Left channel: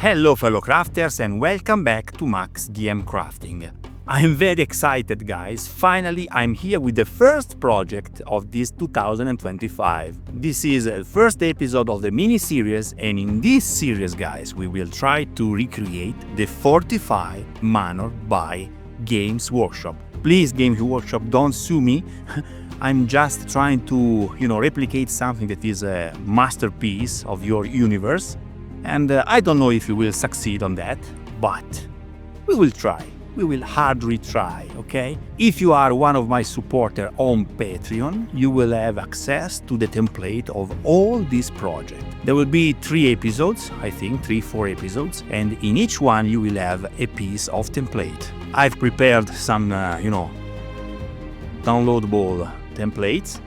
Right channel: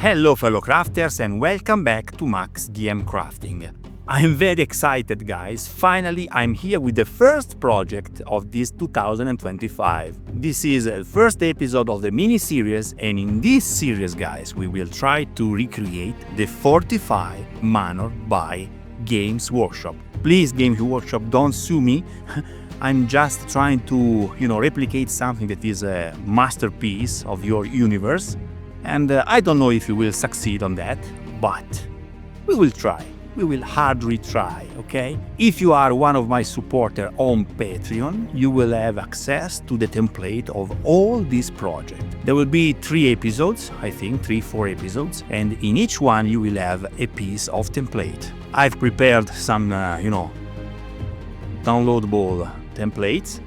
Hello fellow crafters and welcome back to maxdmcrafting. I'm very excited guys, finally I'm here with the first project of this 2025. This is the first episode of the mini-series, and in this series guys we will try to recreate the Fortified Manor by Games Workshop. Please Games Workshop, don't sue me. I'm just trying to, replicate something that is a masterpiece of your universe. And I don't know if we will succeed on that, but we will try. We will hardly try, okay? If you are one of my supporters on Patreon, you will have access to the template of all these projects. There will be 3 episodes, I think, 3-4 episodes, and in each one you will have a piece of template. I've prepared some, downloadable templates.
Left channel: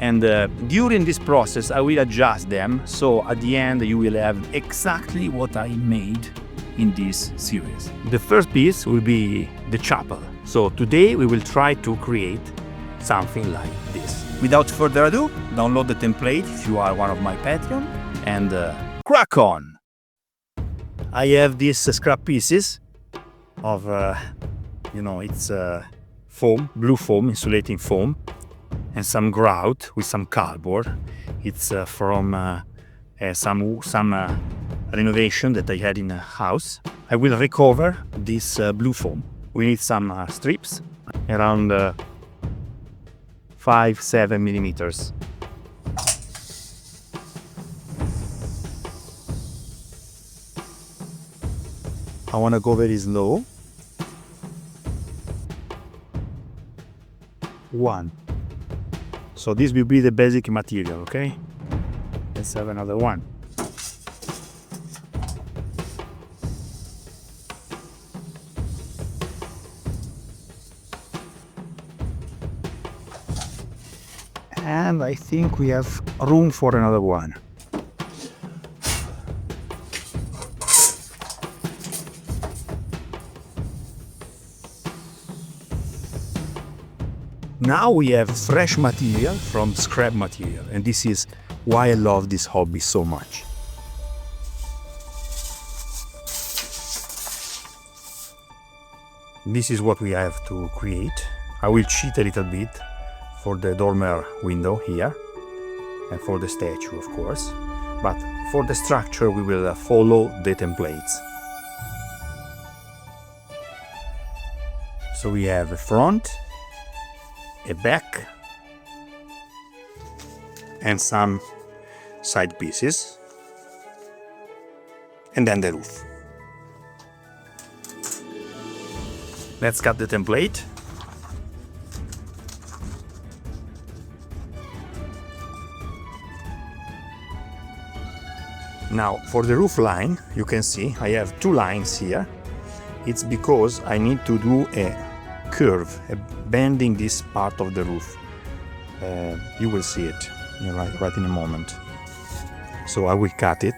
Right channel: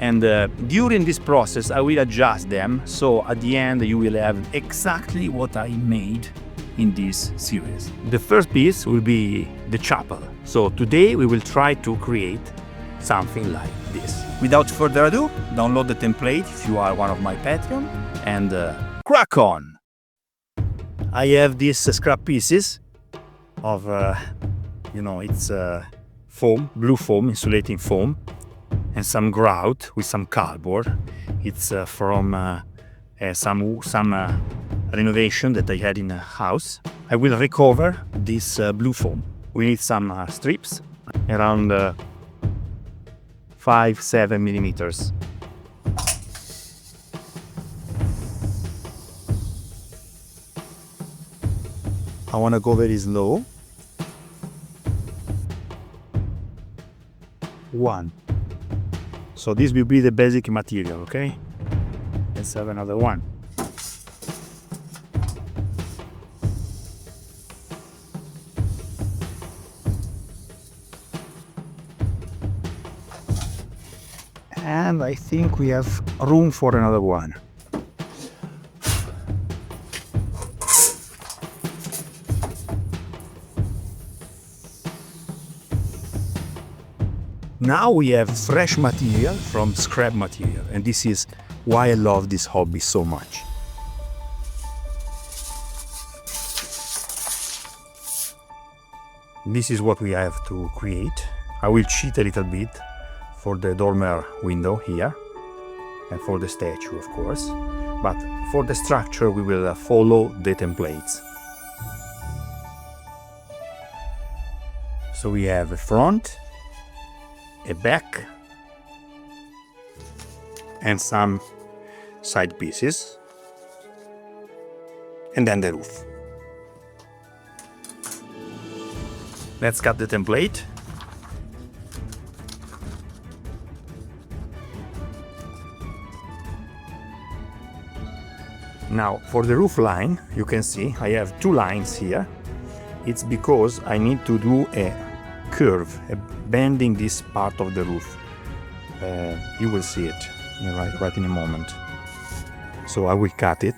And during this process I will adjust them, so at the end you will have exactly what I made in this series. The first piece will be the chapel. So today we will try to create something like this. Without further ado, download the template if you are one of my Patreon and crack on! I have these scrap pieces of, it's foam, blue foam, insulating foam, and some grout with some cardboard. It's from some renovation that I had in a house. I will recover this blue foam. We need some strips around 5-7 millimeters. I want to go very slow. 1. So this will be the basic material, okay? Let's have another one. And I think we have room for another one. Now we have fresh material from scrap material, and this is why I love this hobby so much. This is what we have to create. I will cheat a little bit for the dormer window here, and for the statue of course, but for the structure we will follow the templates. So we have a front, a back, and some side pieces, and then the roof. Let's cut the template. Now for the roof line, you can see I have 2 lines here. It's because I need to do a curve, bending this part of the roof. You will see it right in a moment. So I will cut it.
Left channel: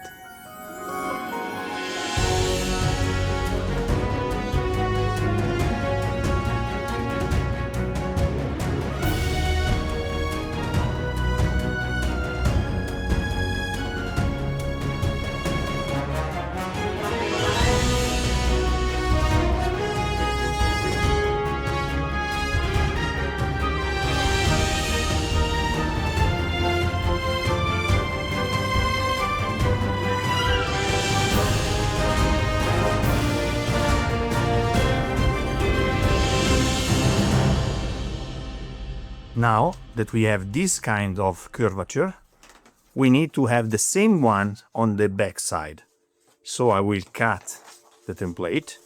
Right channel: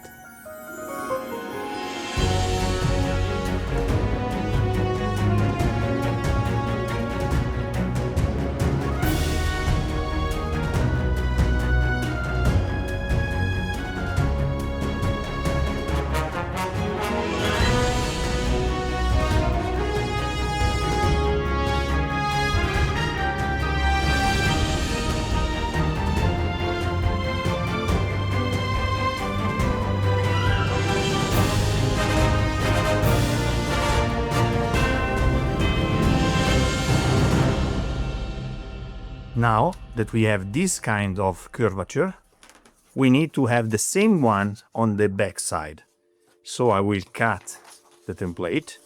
Now that we have this kind of curvature, we need to have the same one on the back side. So I will cut the template.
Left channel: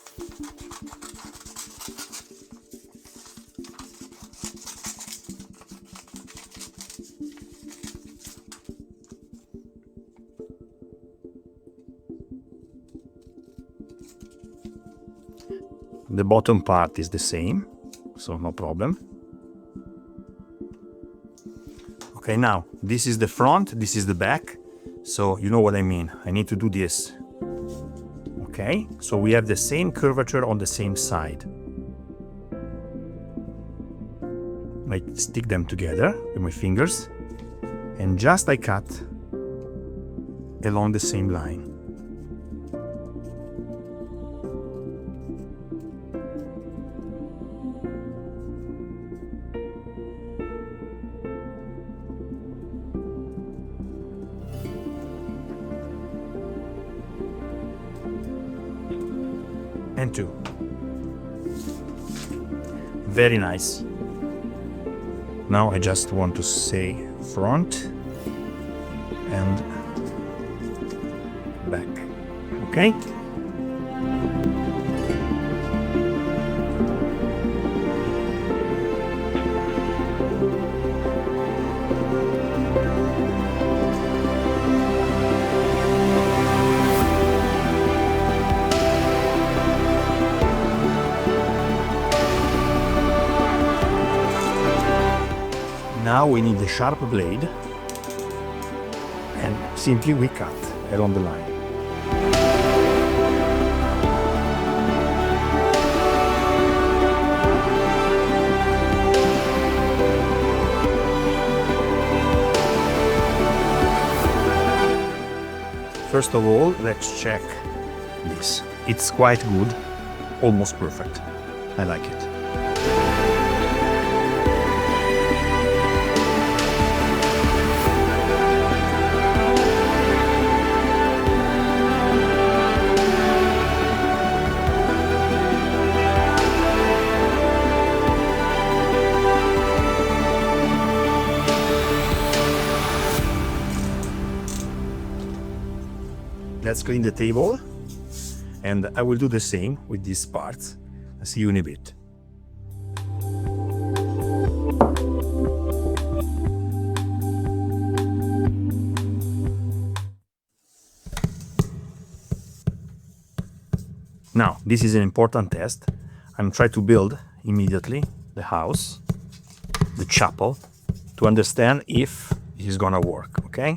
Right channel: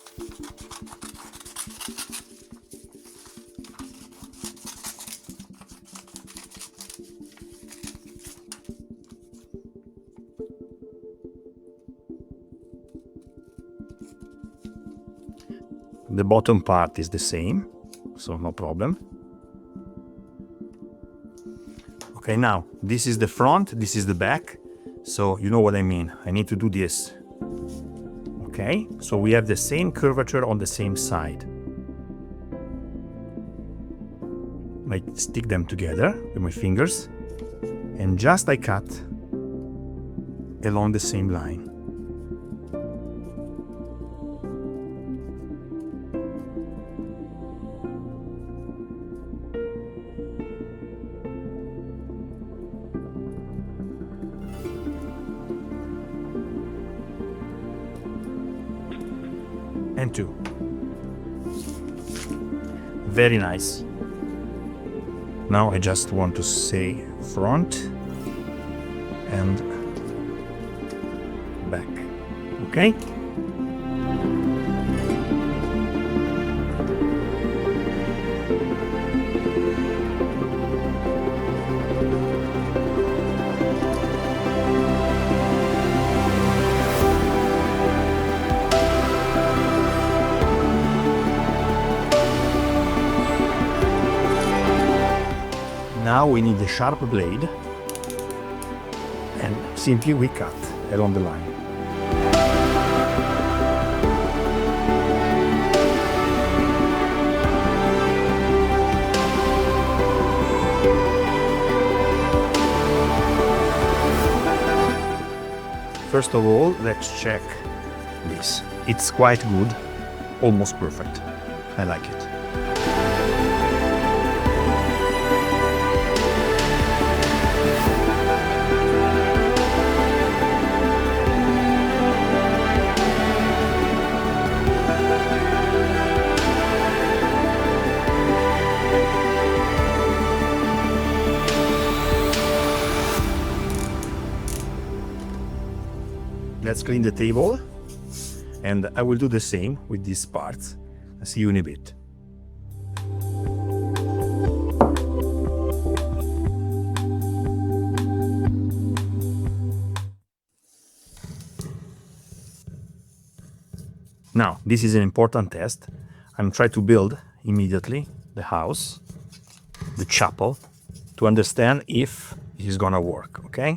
The bottom part is the same, so no problem. Okay, now this is the front, this is the back, so you know what I mean. I need to do this. Okay, so we have the same curvature on the same side. I stick them together with my fingers and just I cut along the same line. and 2. Very nice. Now I just want to say front and back. Okay? Now we need a sharp blade, and simply we cut along the line. First of all, let's check this. It's quite good, almost perfect. I like it. Let's clean the table, and I will do the same with these parts. I'll see you in a bit. Now, this is an important test. I'm trying to build immediately the house, the chapel, to understand if it is gonna work, okay?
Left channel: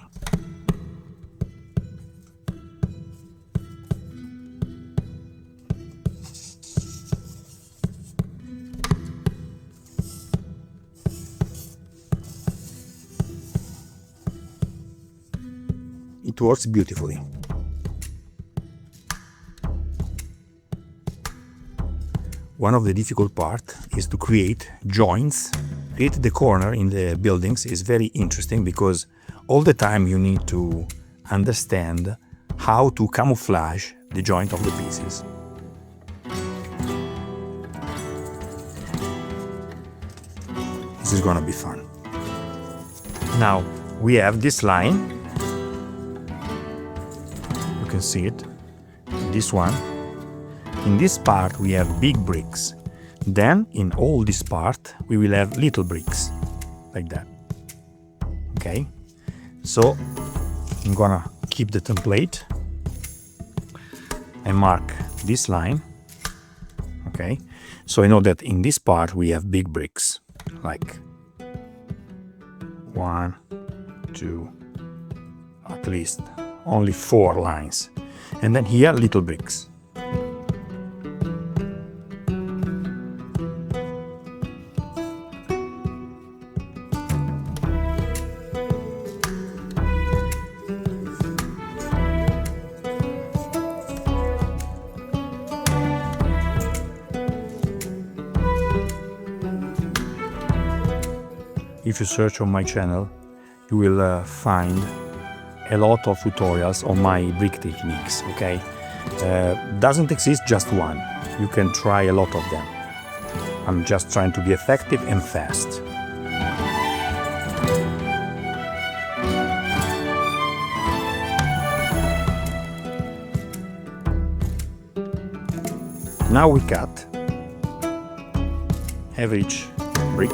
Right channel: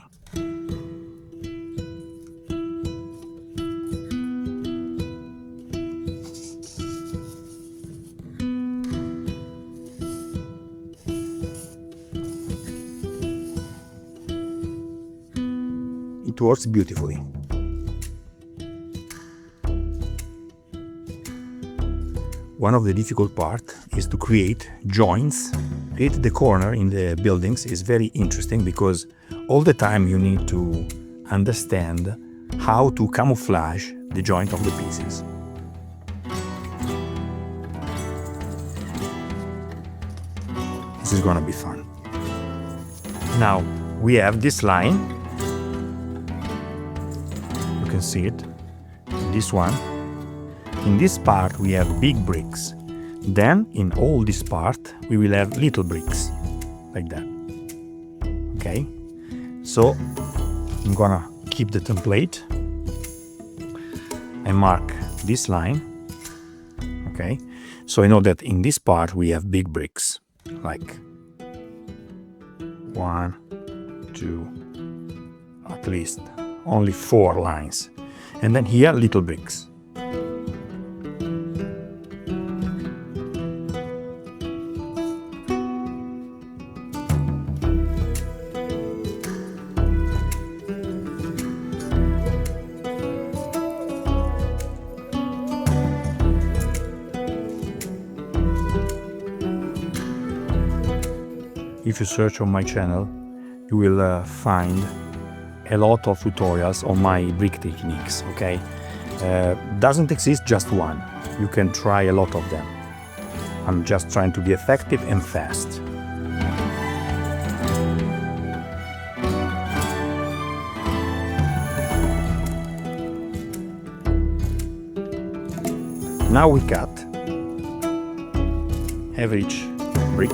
It works beautifully. One of the difficult parts is to create joints. Create the corner in the buildings is very interesting because all the time you need to understand how to camouflage the joint of the pieces. This is gonna be fun. Now we have this line. You can see it. This one. In this part we have big bricks. Then in all this part we will have little bricks, like that. Okay? So I'm gonna keep the template and mark this line. Okay? So I know that in this part we have big bricks, like 1, 2, at least only 4 lines. And then here little bricks. If you search on my channel, you will find a lot of tutorials on my brick techniques, okay? Doesn't exist just one. You can try a lot of them. I'm just trying to be effective and fast. Now we cut average brick.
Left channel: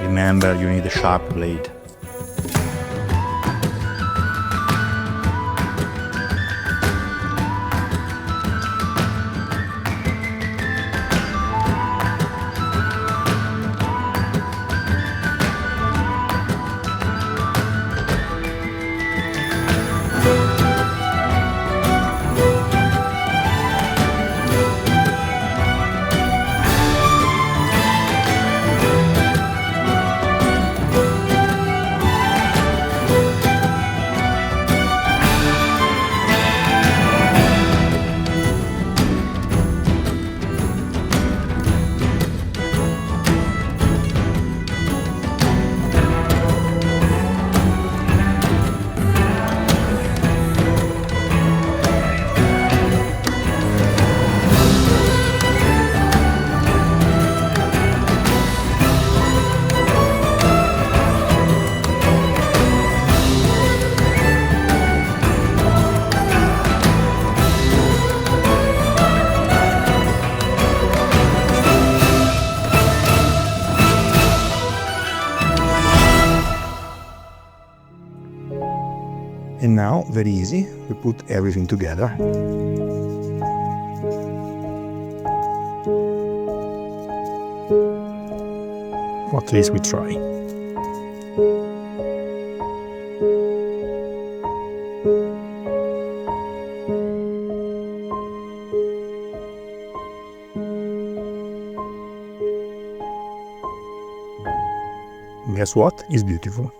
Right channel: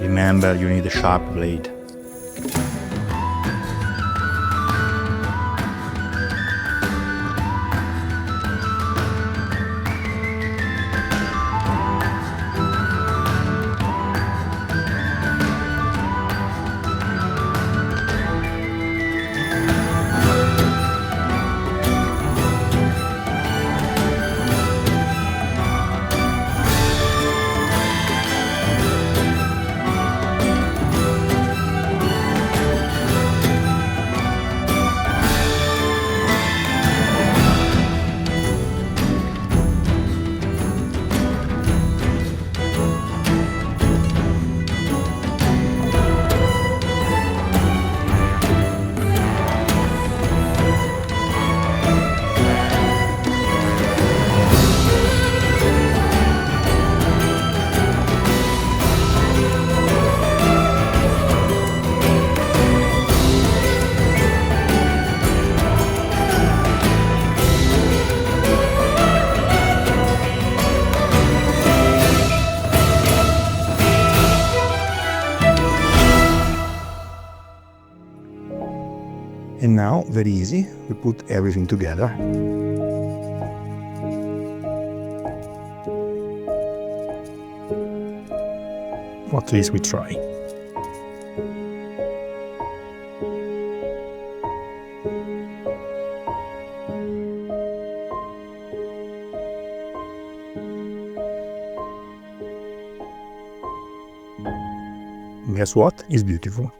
Remember, you need a sharp blade. And now, very easy, we put everything together. Or at least we try. Guess what? It's beautiful.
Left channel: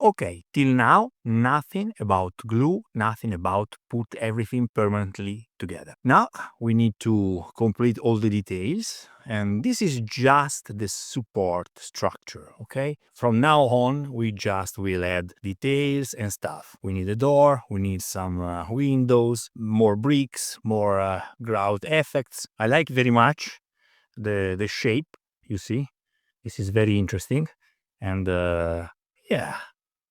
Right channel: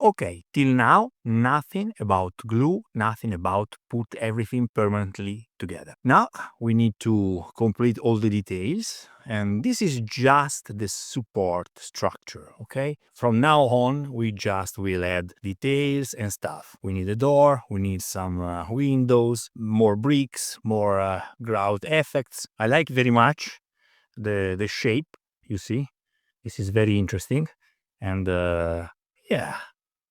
Okay, till now, nothing about glue, nothing about put everything permanently together. Now we need to complete all the details, and this is just the support structure, okay? From now on, we just will add details and stuff. We need a door, we need some windows, more bricks, more grout effects. I like very much the shape, you see? This is very interesting, and yeah.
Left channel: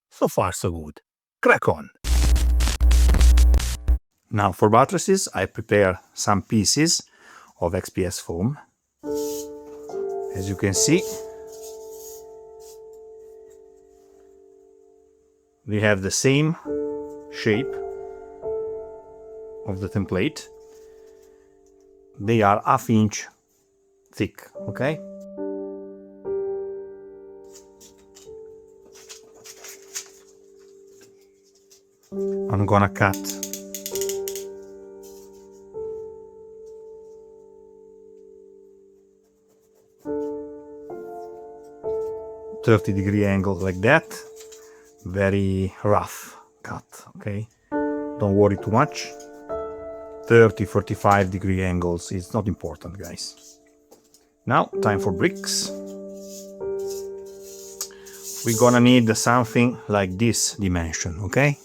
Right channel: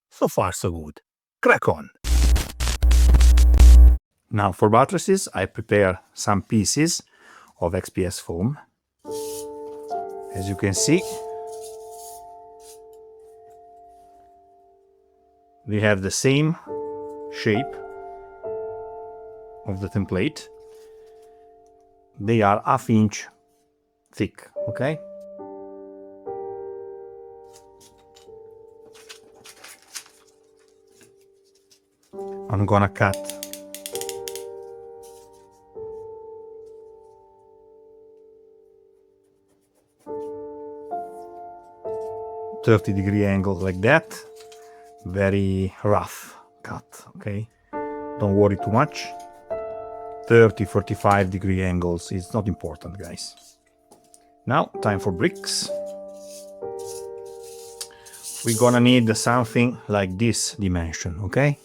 So far, so good. Crack on! Now for buttresses, I prepare some pieces of XPS foam. As you can see, we have the same shape of the template. They are ½ inch thick, okay? I'm gonna cut 30-degree angle like that. Very rough cut, okay? Don't worry too much. 30-45-degree angles is not important, guys. Now, time for bricks. We're gonna need something like this dimension, okay?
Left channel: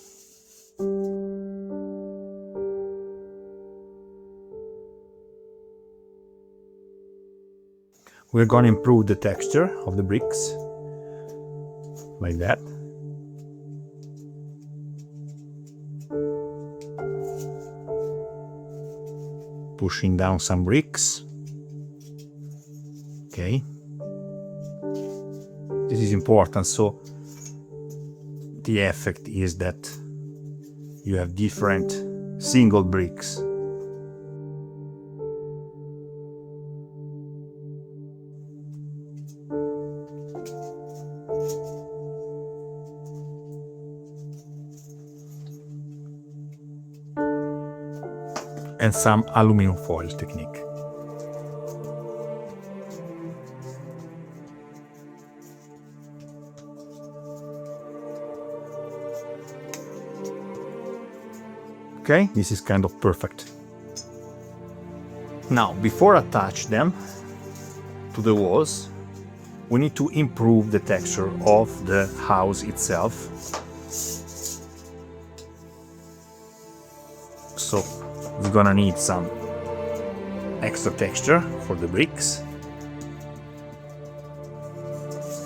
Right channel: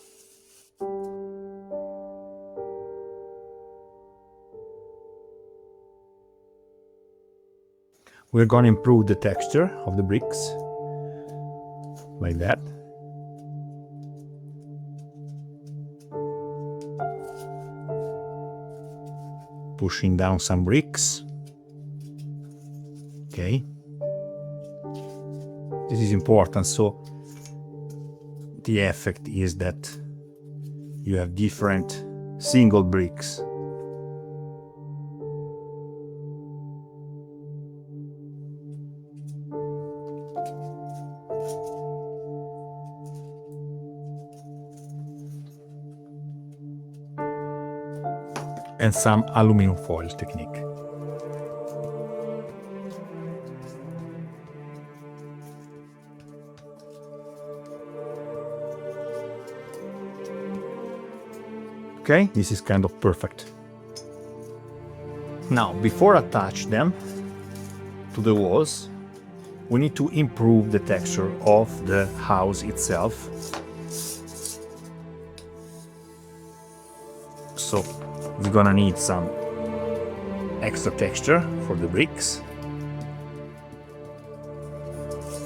We're gonna improve the texture of the bricks, like that. Pushing down some bricks. Okay. This is important, so the effect is that you have different single bricks. And some aluminum foil technique. Okay, this is kind of perfect. Now, before I attach them to the walls, we need to improve the texture of the house itself. So, we're gonna need some extra texture for the bricks.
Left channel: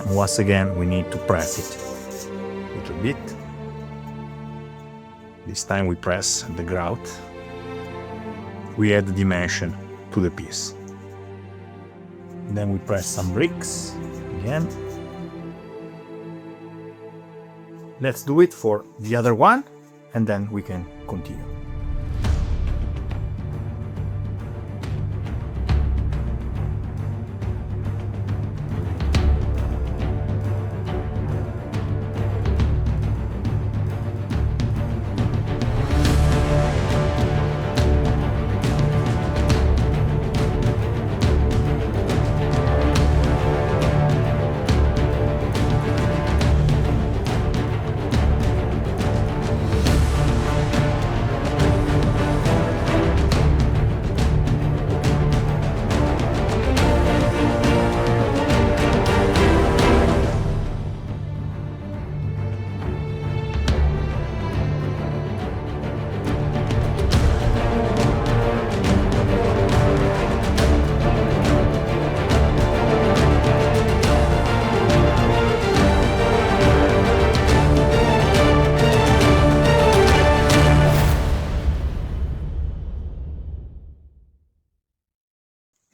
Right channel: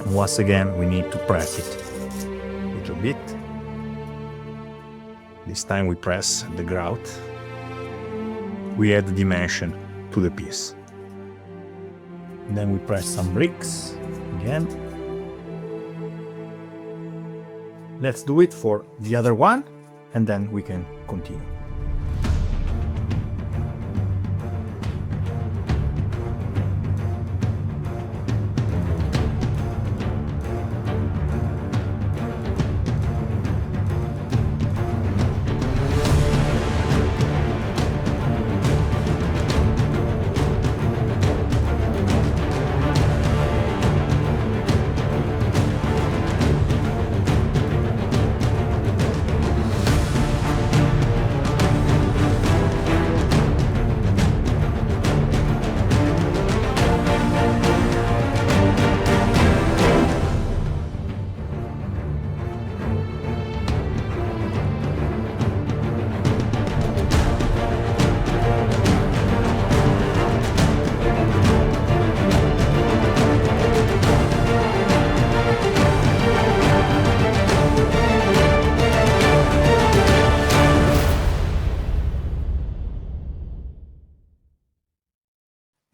And once again, we need to press it a little bit. This time we press the grout. We add the dimension to the piece. Then we press some bricks again. Let's do it for the other one, and then we can continue.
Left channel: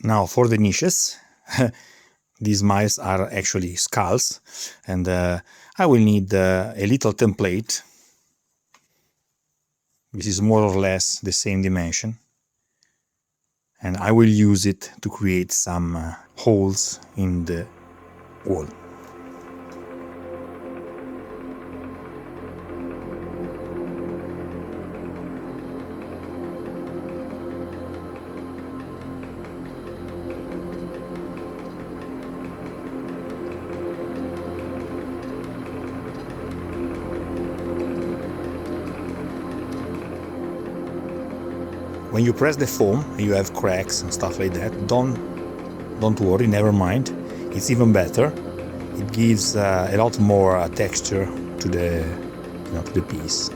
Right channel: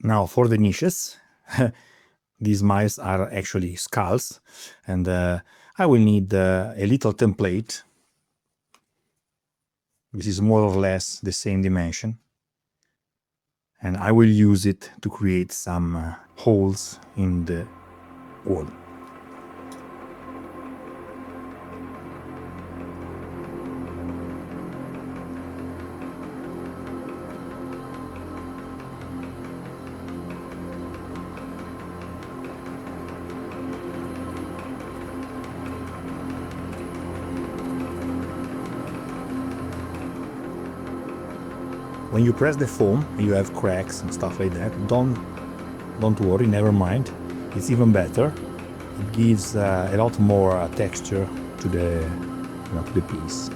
Now for the niches, These mice are actually skulls, and I will need a little template. This is more or less the same dimension, and I will use it to create some holes in the wall. When you press the foam, you have cracks and stuff like that. Don't worry, never mind. It's even better. It gives a lot more texture to the piece.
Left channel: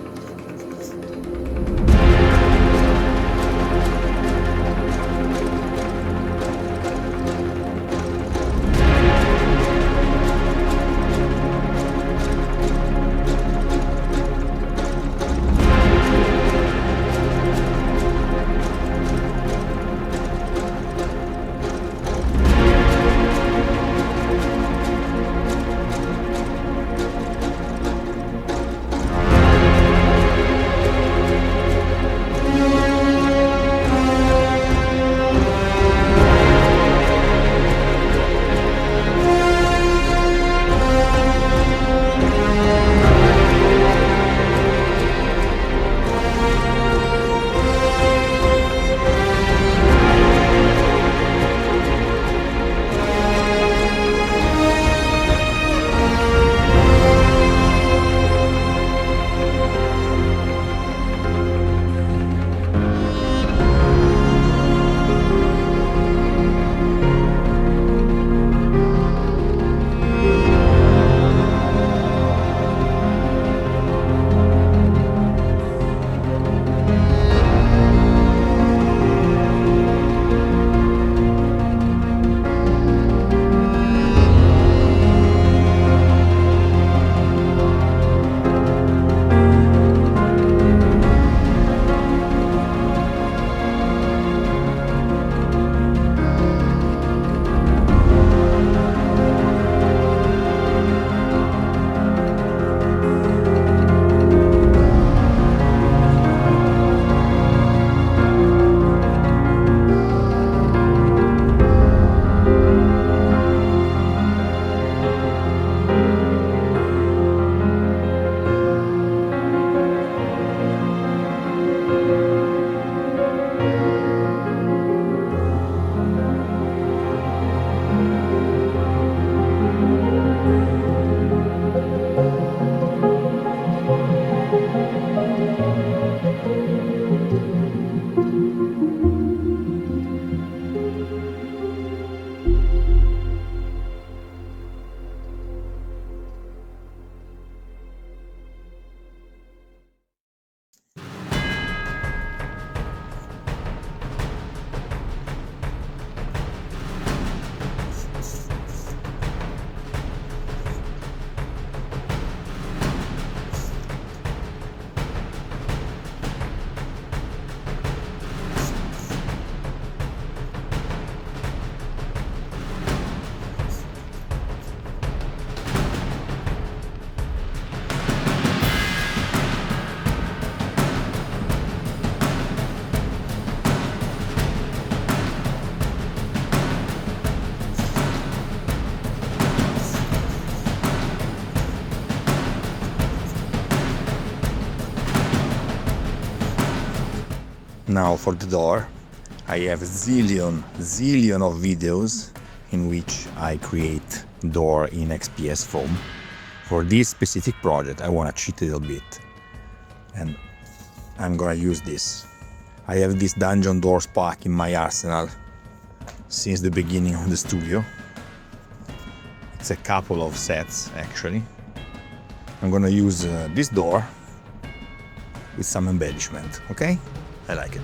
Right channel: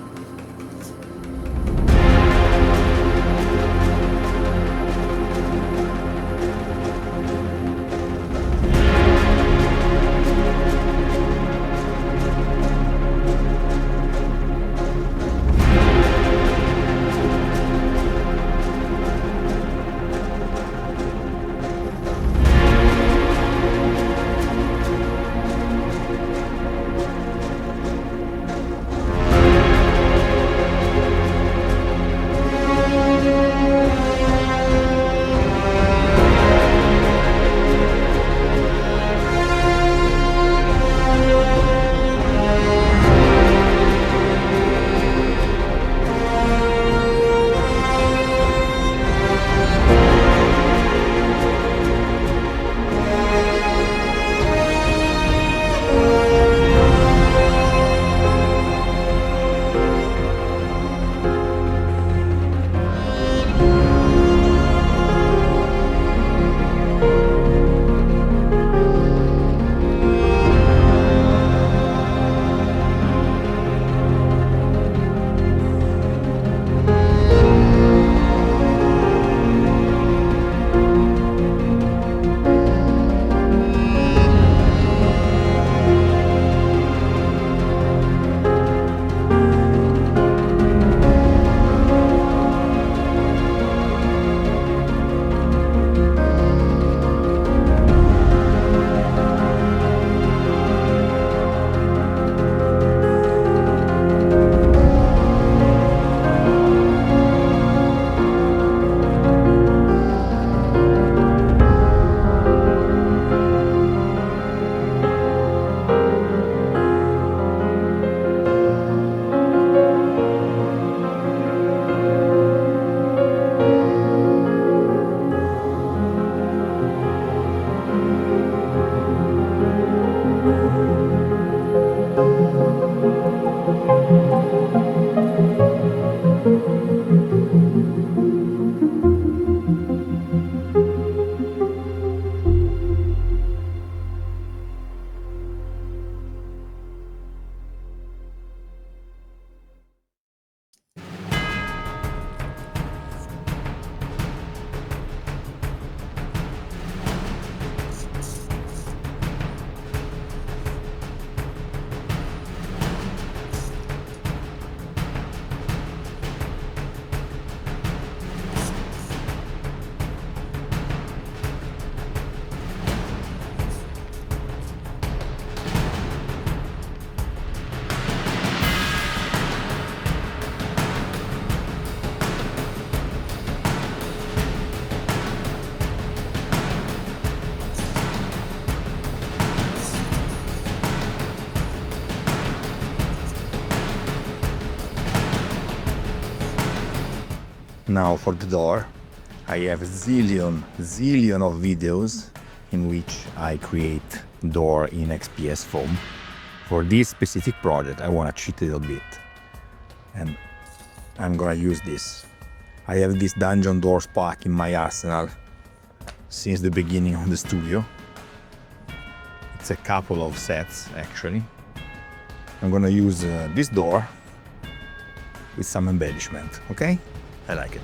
Now for the door, I have zillion of videos in which I create door in XPS foam. For this specific project I want to cheat a little bit, and I'm gonna use this. I have this dungeon doors pack in my arsenal since the beginning of the studio. It's a couple of sets actually. I'm gonna use this door with some embellishment, okay? I like it.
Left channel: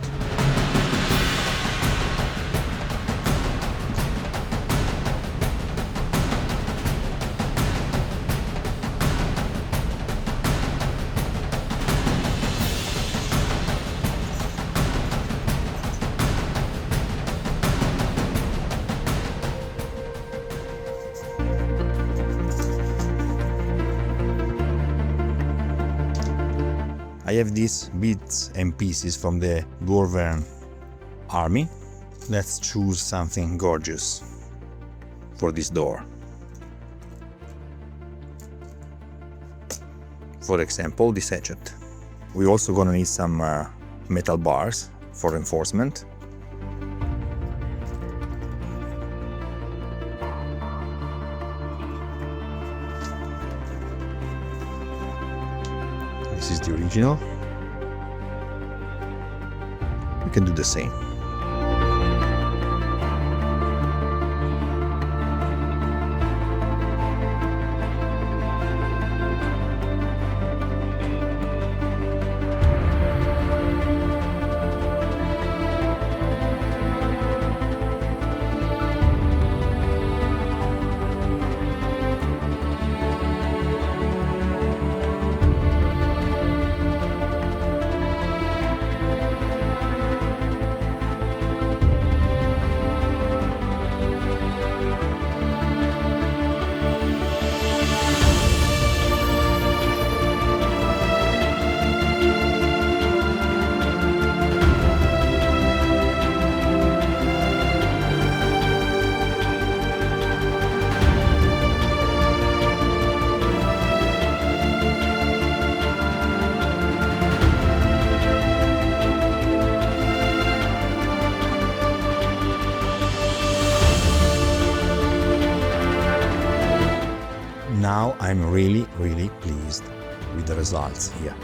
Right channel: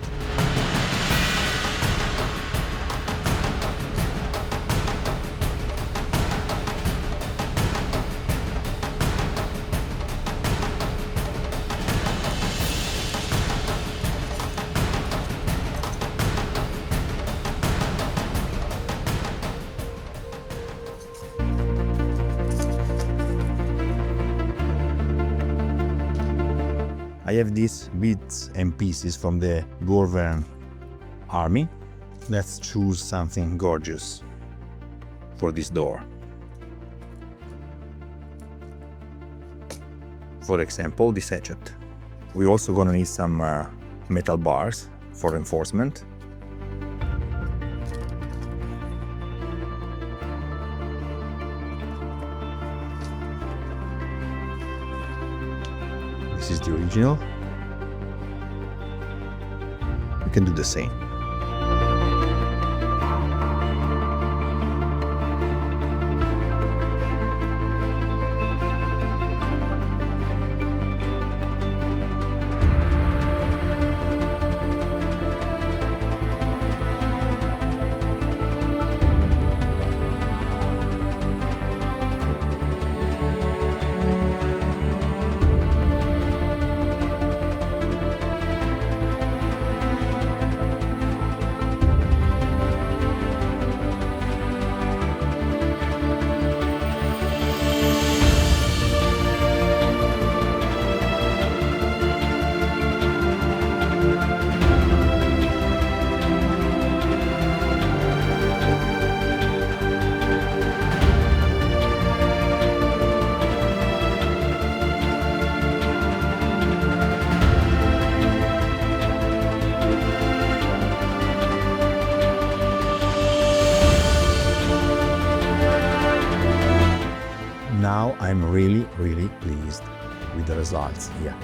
I have these bits and pieces from the Dwarven army. Let's choose something gorgeous for this door. For example, this hatchet. We're also gonna need some metal bars for reinforcement. This is the original. We can do the same. Now I'm really pleased with the results here.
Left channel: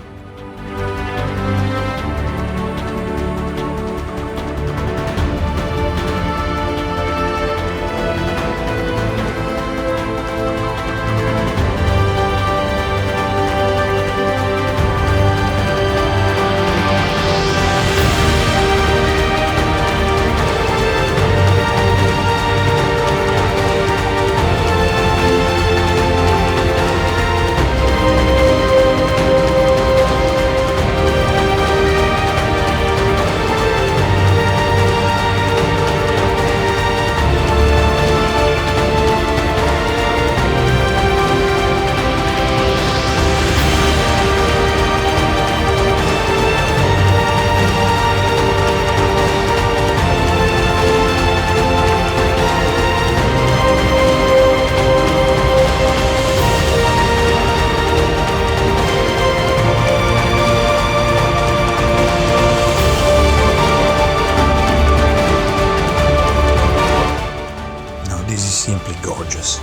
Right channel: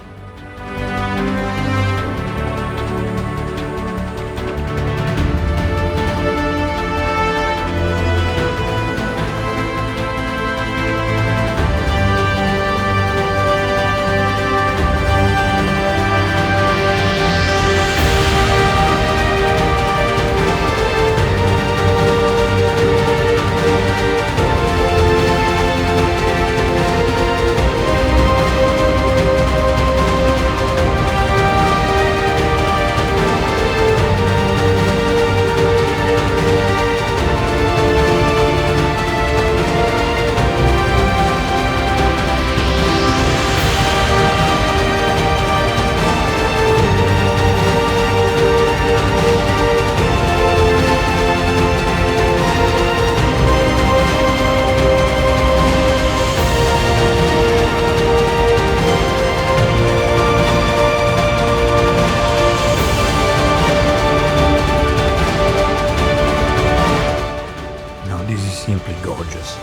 This is simply gorgeous.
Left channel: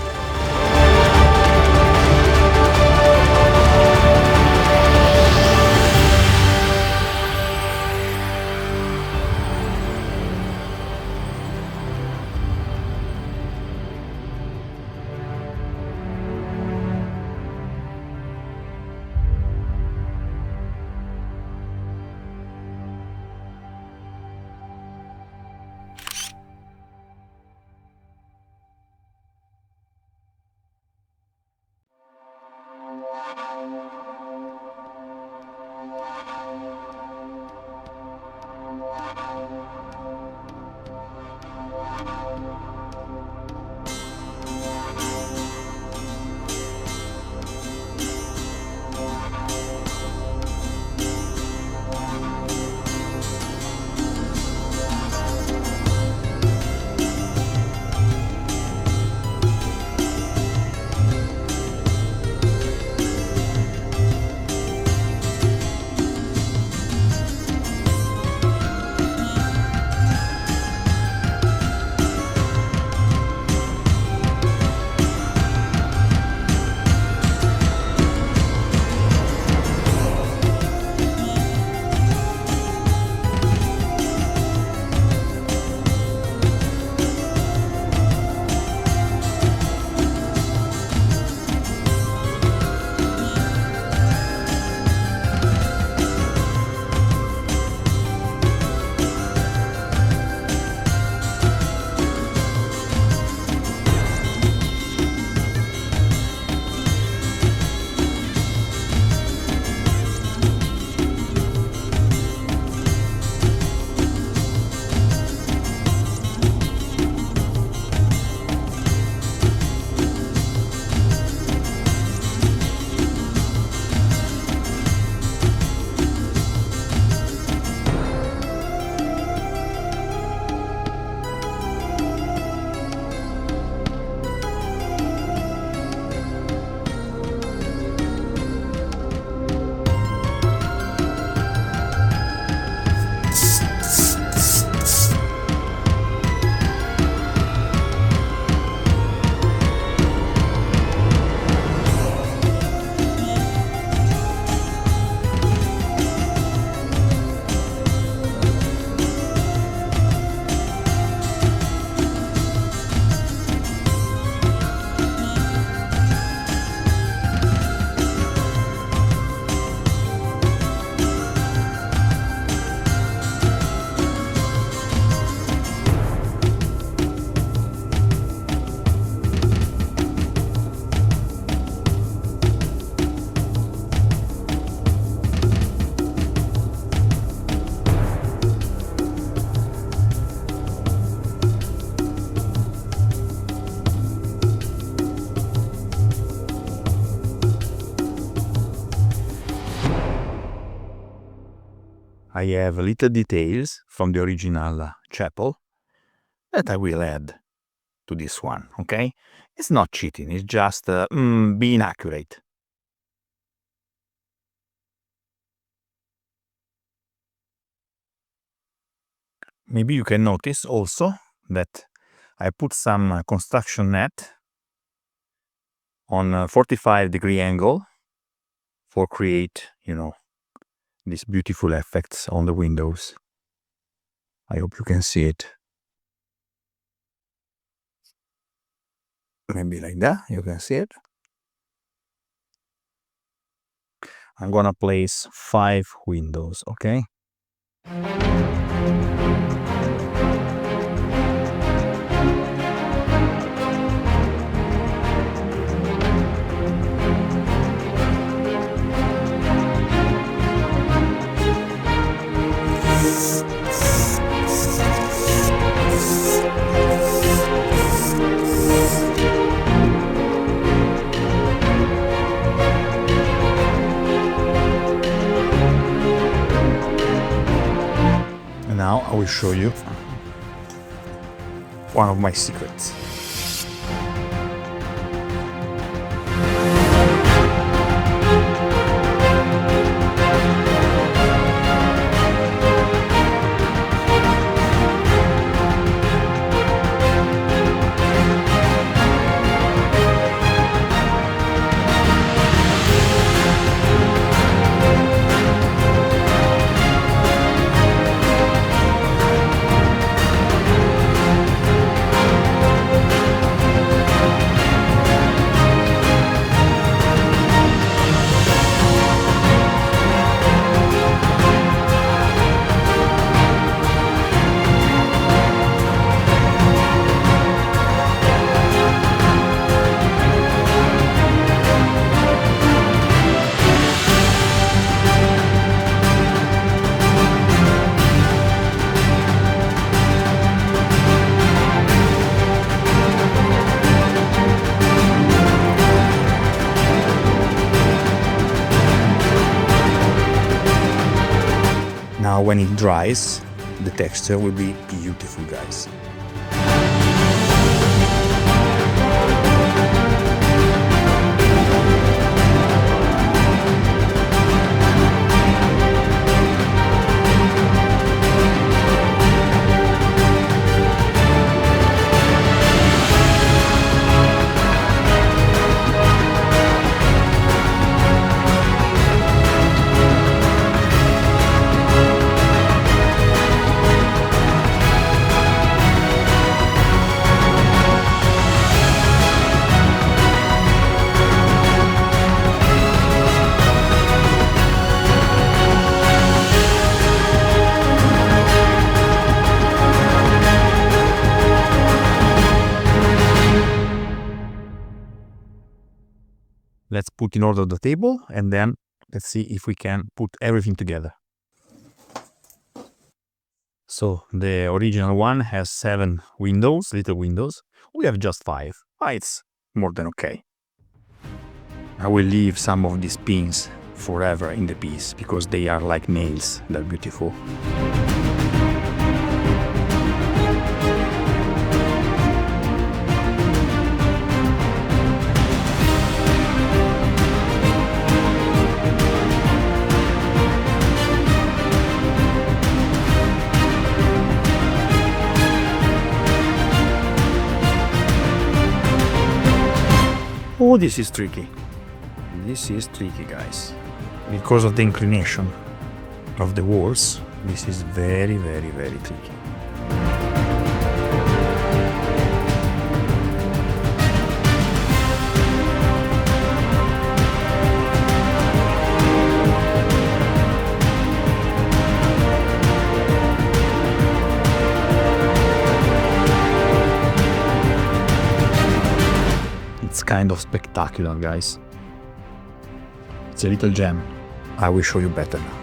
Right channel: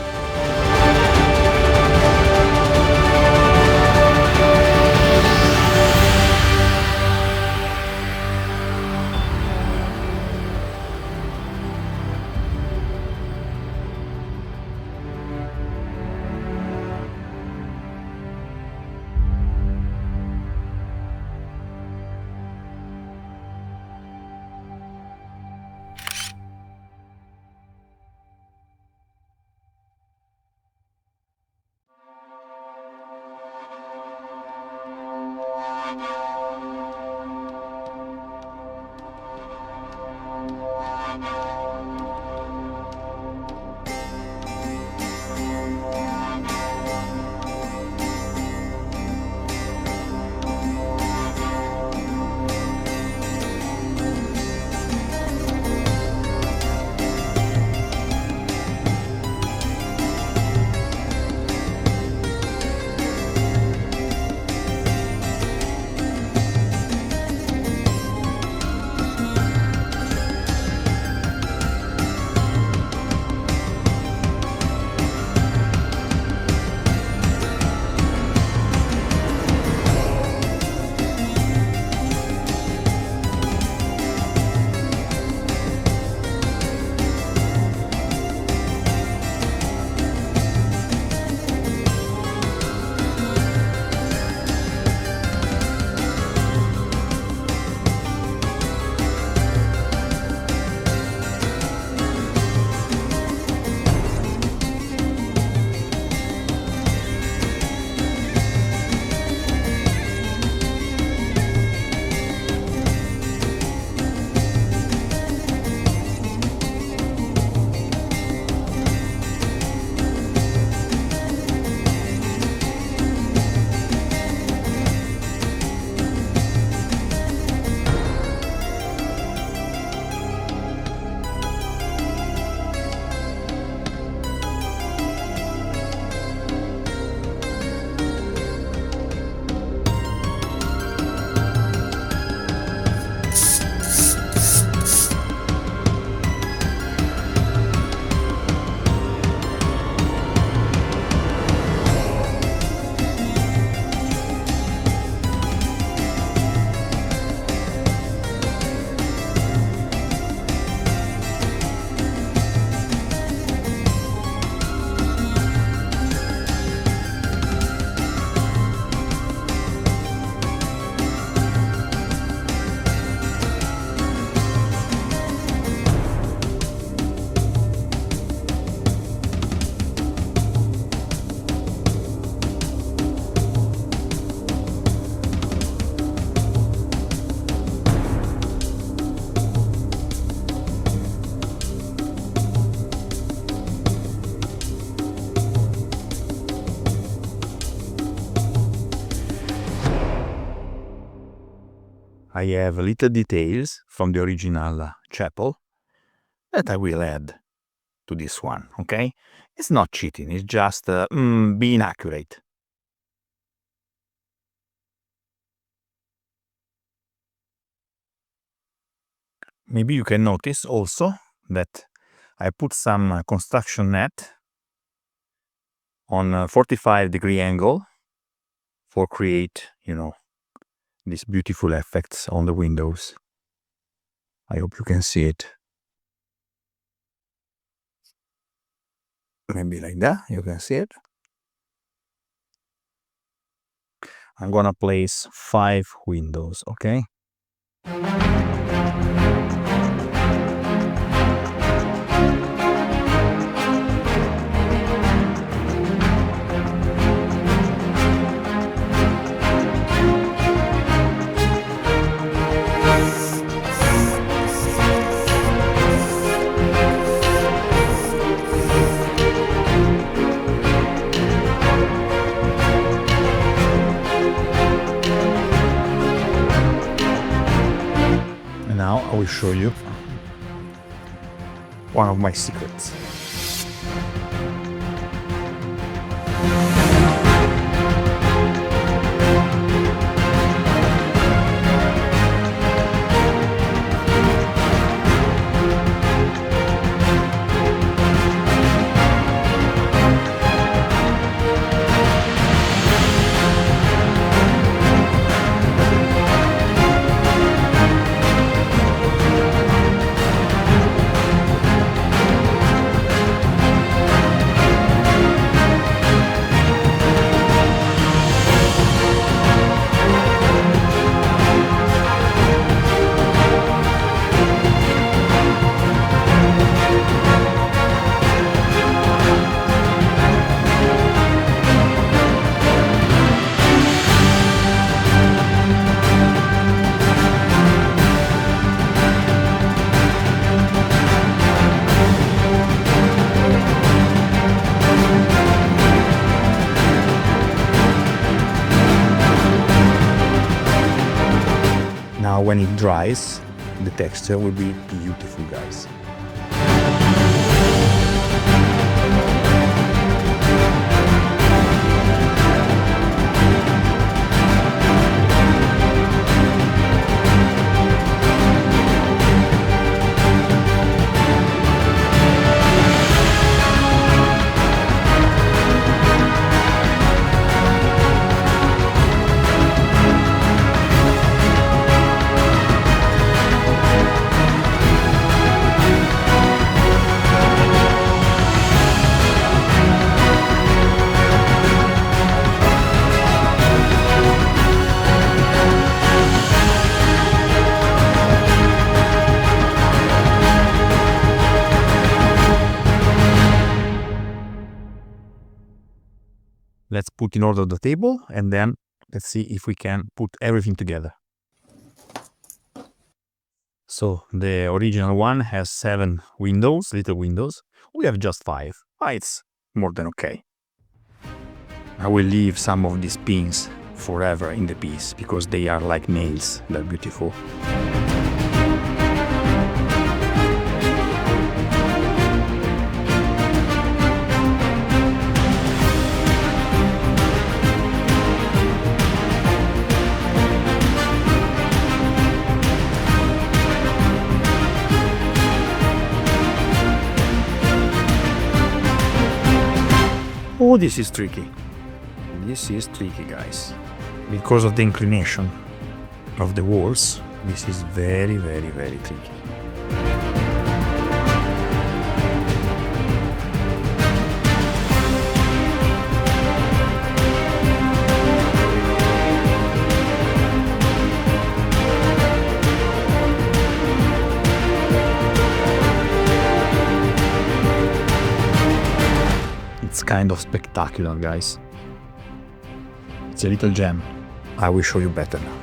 I have little details from the original chapel that I will add to this one, okay? It's not cheating, it's just being accurate. Maybe you can notice also that I put some construction net on a 45-degree angle for create, these beautiful effects on the windows. I hope you can see it. Maybe like that, you can see it. I'm gonna place 5 windows, okay? Now I will show you one of my secrets. Now when it dries, the texture will be beautiful, guys. Let's put in order the table and then let's see if we can put everything together. So the original one has 7 windows, little windows. We have just 5. It's more than okay. I will leave some of these pins forever in the piece because they are like nails. They're beautiful. Oh, this is tricky. This is tricky, guys. Because of the inclination of the walls, this is very, very, very tricky. It's kind of spectacular, guys. It's a little gem. I will show you better now.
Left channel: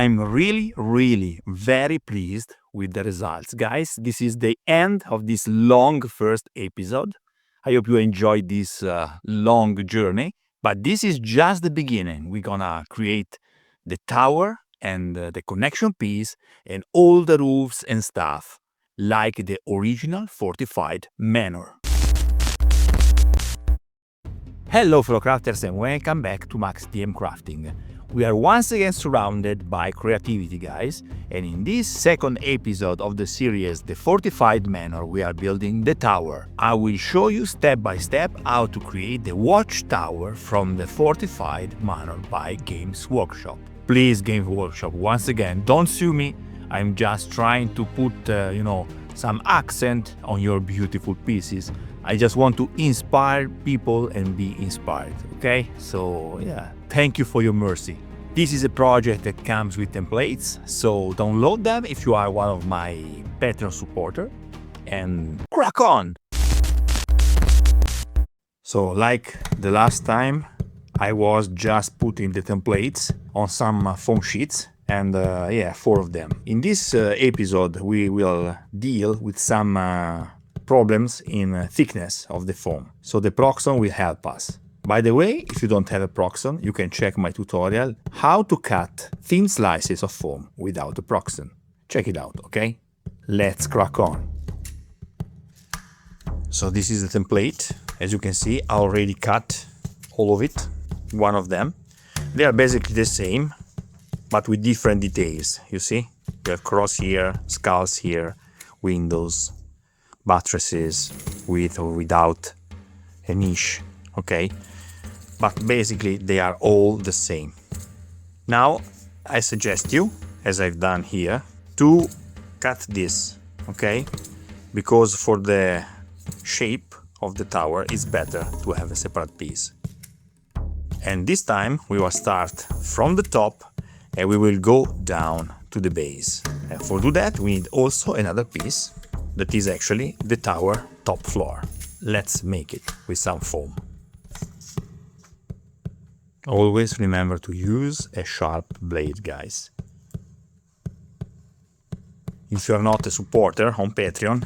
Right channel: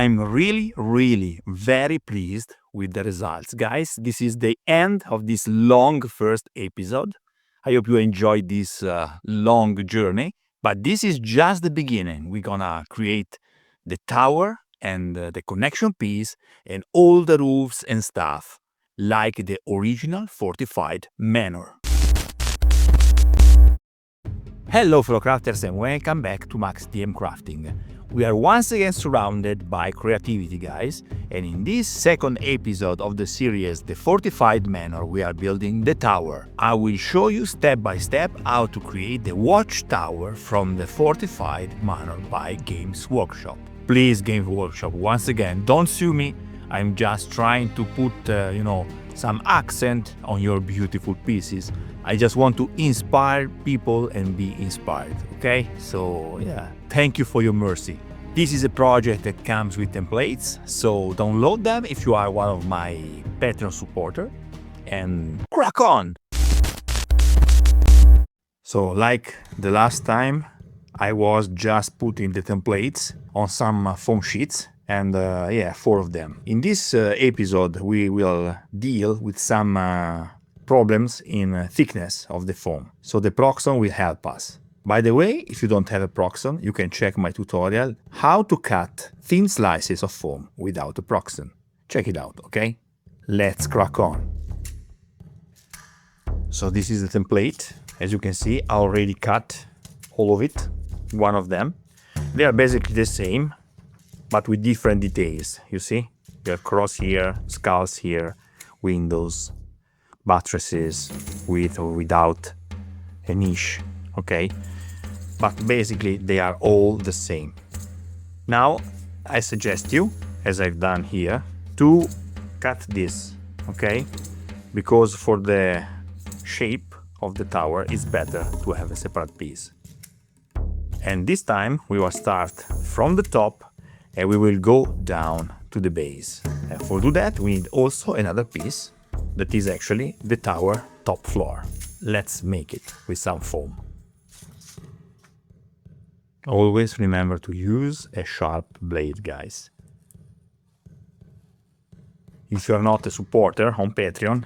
I'm really very pleased with the results, guys. This is the end of this long first episode. I hope you enjoyed this long journey, but this is just the beginning. We're gonna create the tower and the connection piece and all the roofs and stuff, like the original fortified manor. Hello fellow crafters and welcome back to maxdmcrafting. We are once again surrounded by creativity, guys, and in this second episode of the series The Fortified Manor, we are building the tower. I will show you step by step how to create the watchtower from the Fortified Manor by Games Workshop. Please, Games Workshop, once again, don't sue me. I'm just trying to put, some accent on your beautiful pieces. I just want to inspire people and be inspired, okay? So yeah, thank you for your mercy. This is a project that comes with templates, so download them if you are one of my Patreon supporters and crack on! So like the last time, I was just putting the templates on some foam sheets and 4 of them. In this episode, we will deal with some problems in thickness of the foam. So the Proxon will help us. By the way, if you don't have a Proxon, you can check my tutorial how to cut thin slices of foam without a Proxon. Check it out, okay? Let's crack on. So this is the template. As you can see, I already cut all of it, one of them. They are basically the same, but with different details, you see? You have cross here, skulls here, windows, buttresses with or without a niche, okay? But basically they are all the same. Now I suggest you, as I've done here, to cut this, okay? Because for the shape of the tower it's better to have a separate piece. And this time we will start from the top and we will go down to the base. And for do that we need also another piece that is actually the tower top floor. Let's make it with some foam. Always remember to use a sharp blade, guys. If you are not a supporter on Patreon,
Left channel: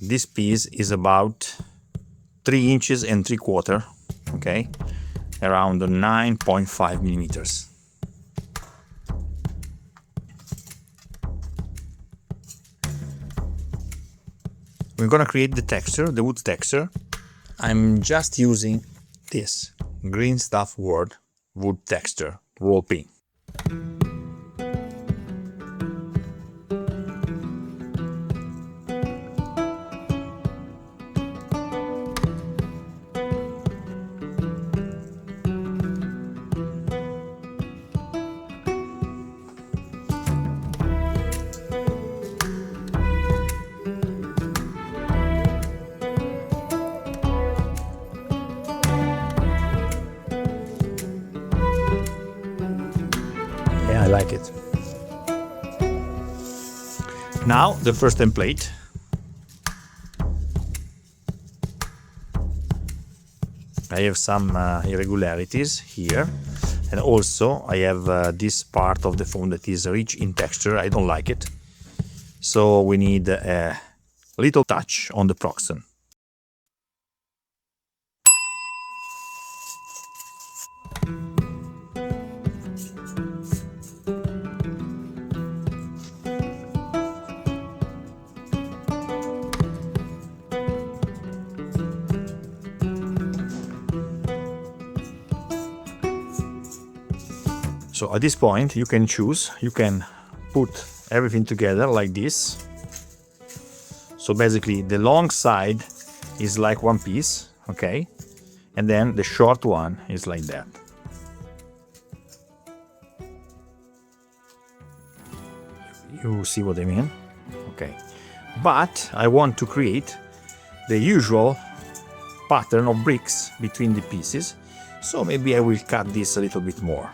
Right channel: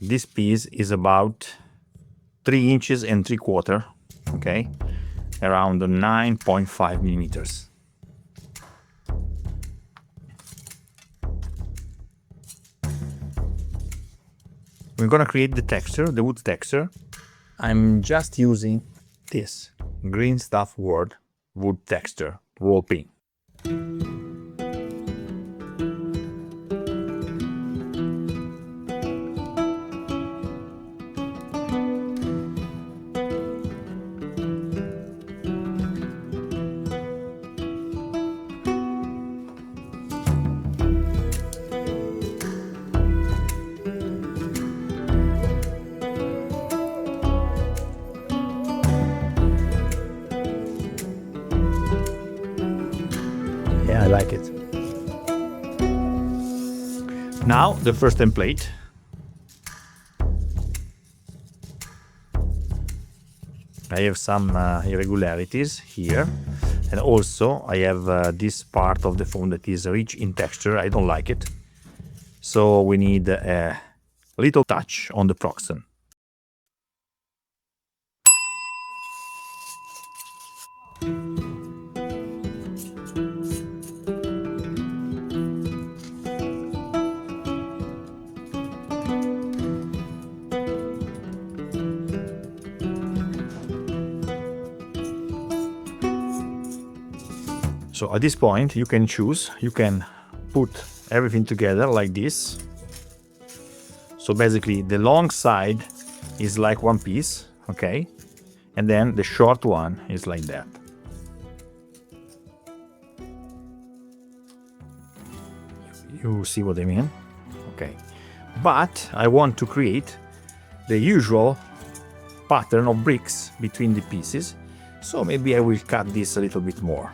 this piece is about 3 inches and 3/4, okay? Around 9.5 millimeters. We're gonna create the texture, the wood texture. I'm just using this green stuff wood texture roll pin. I like it. Now the first template. I have some irregularities here, and also I have this part of the foam that is rich in texture. I don't like it, so we need a little touch on the Proxon. So at this point you can choose, you can put everything together like this. So basically the long side is like one piece, okay? And then the short one is like that. You see what I mean? Okay. But I want to create the usual pattern of bricks between the pieces, so maybe I will cut this a little bit more.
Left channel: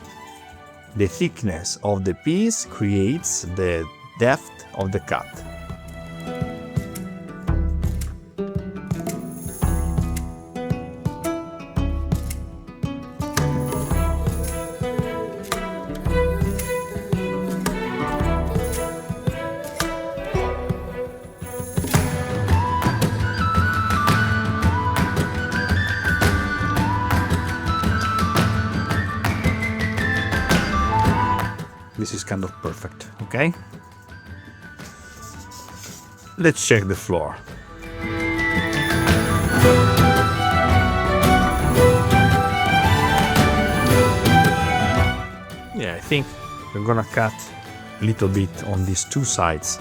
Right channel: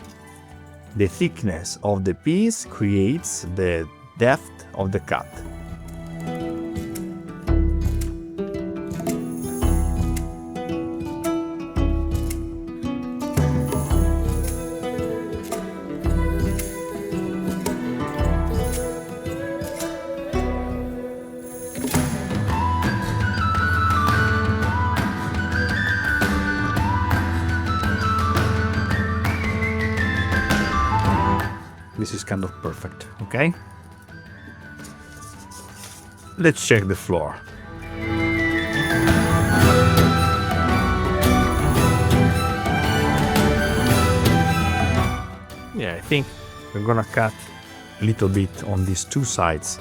The thickness of the piece creates the depth of the cut. this is kind of perfect, okay? Let's check the floor. Yeah, I think we're gonna cut a little bit on these two sides.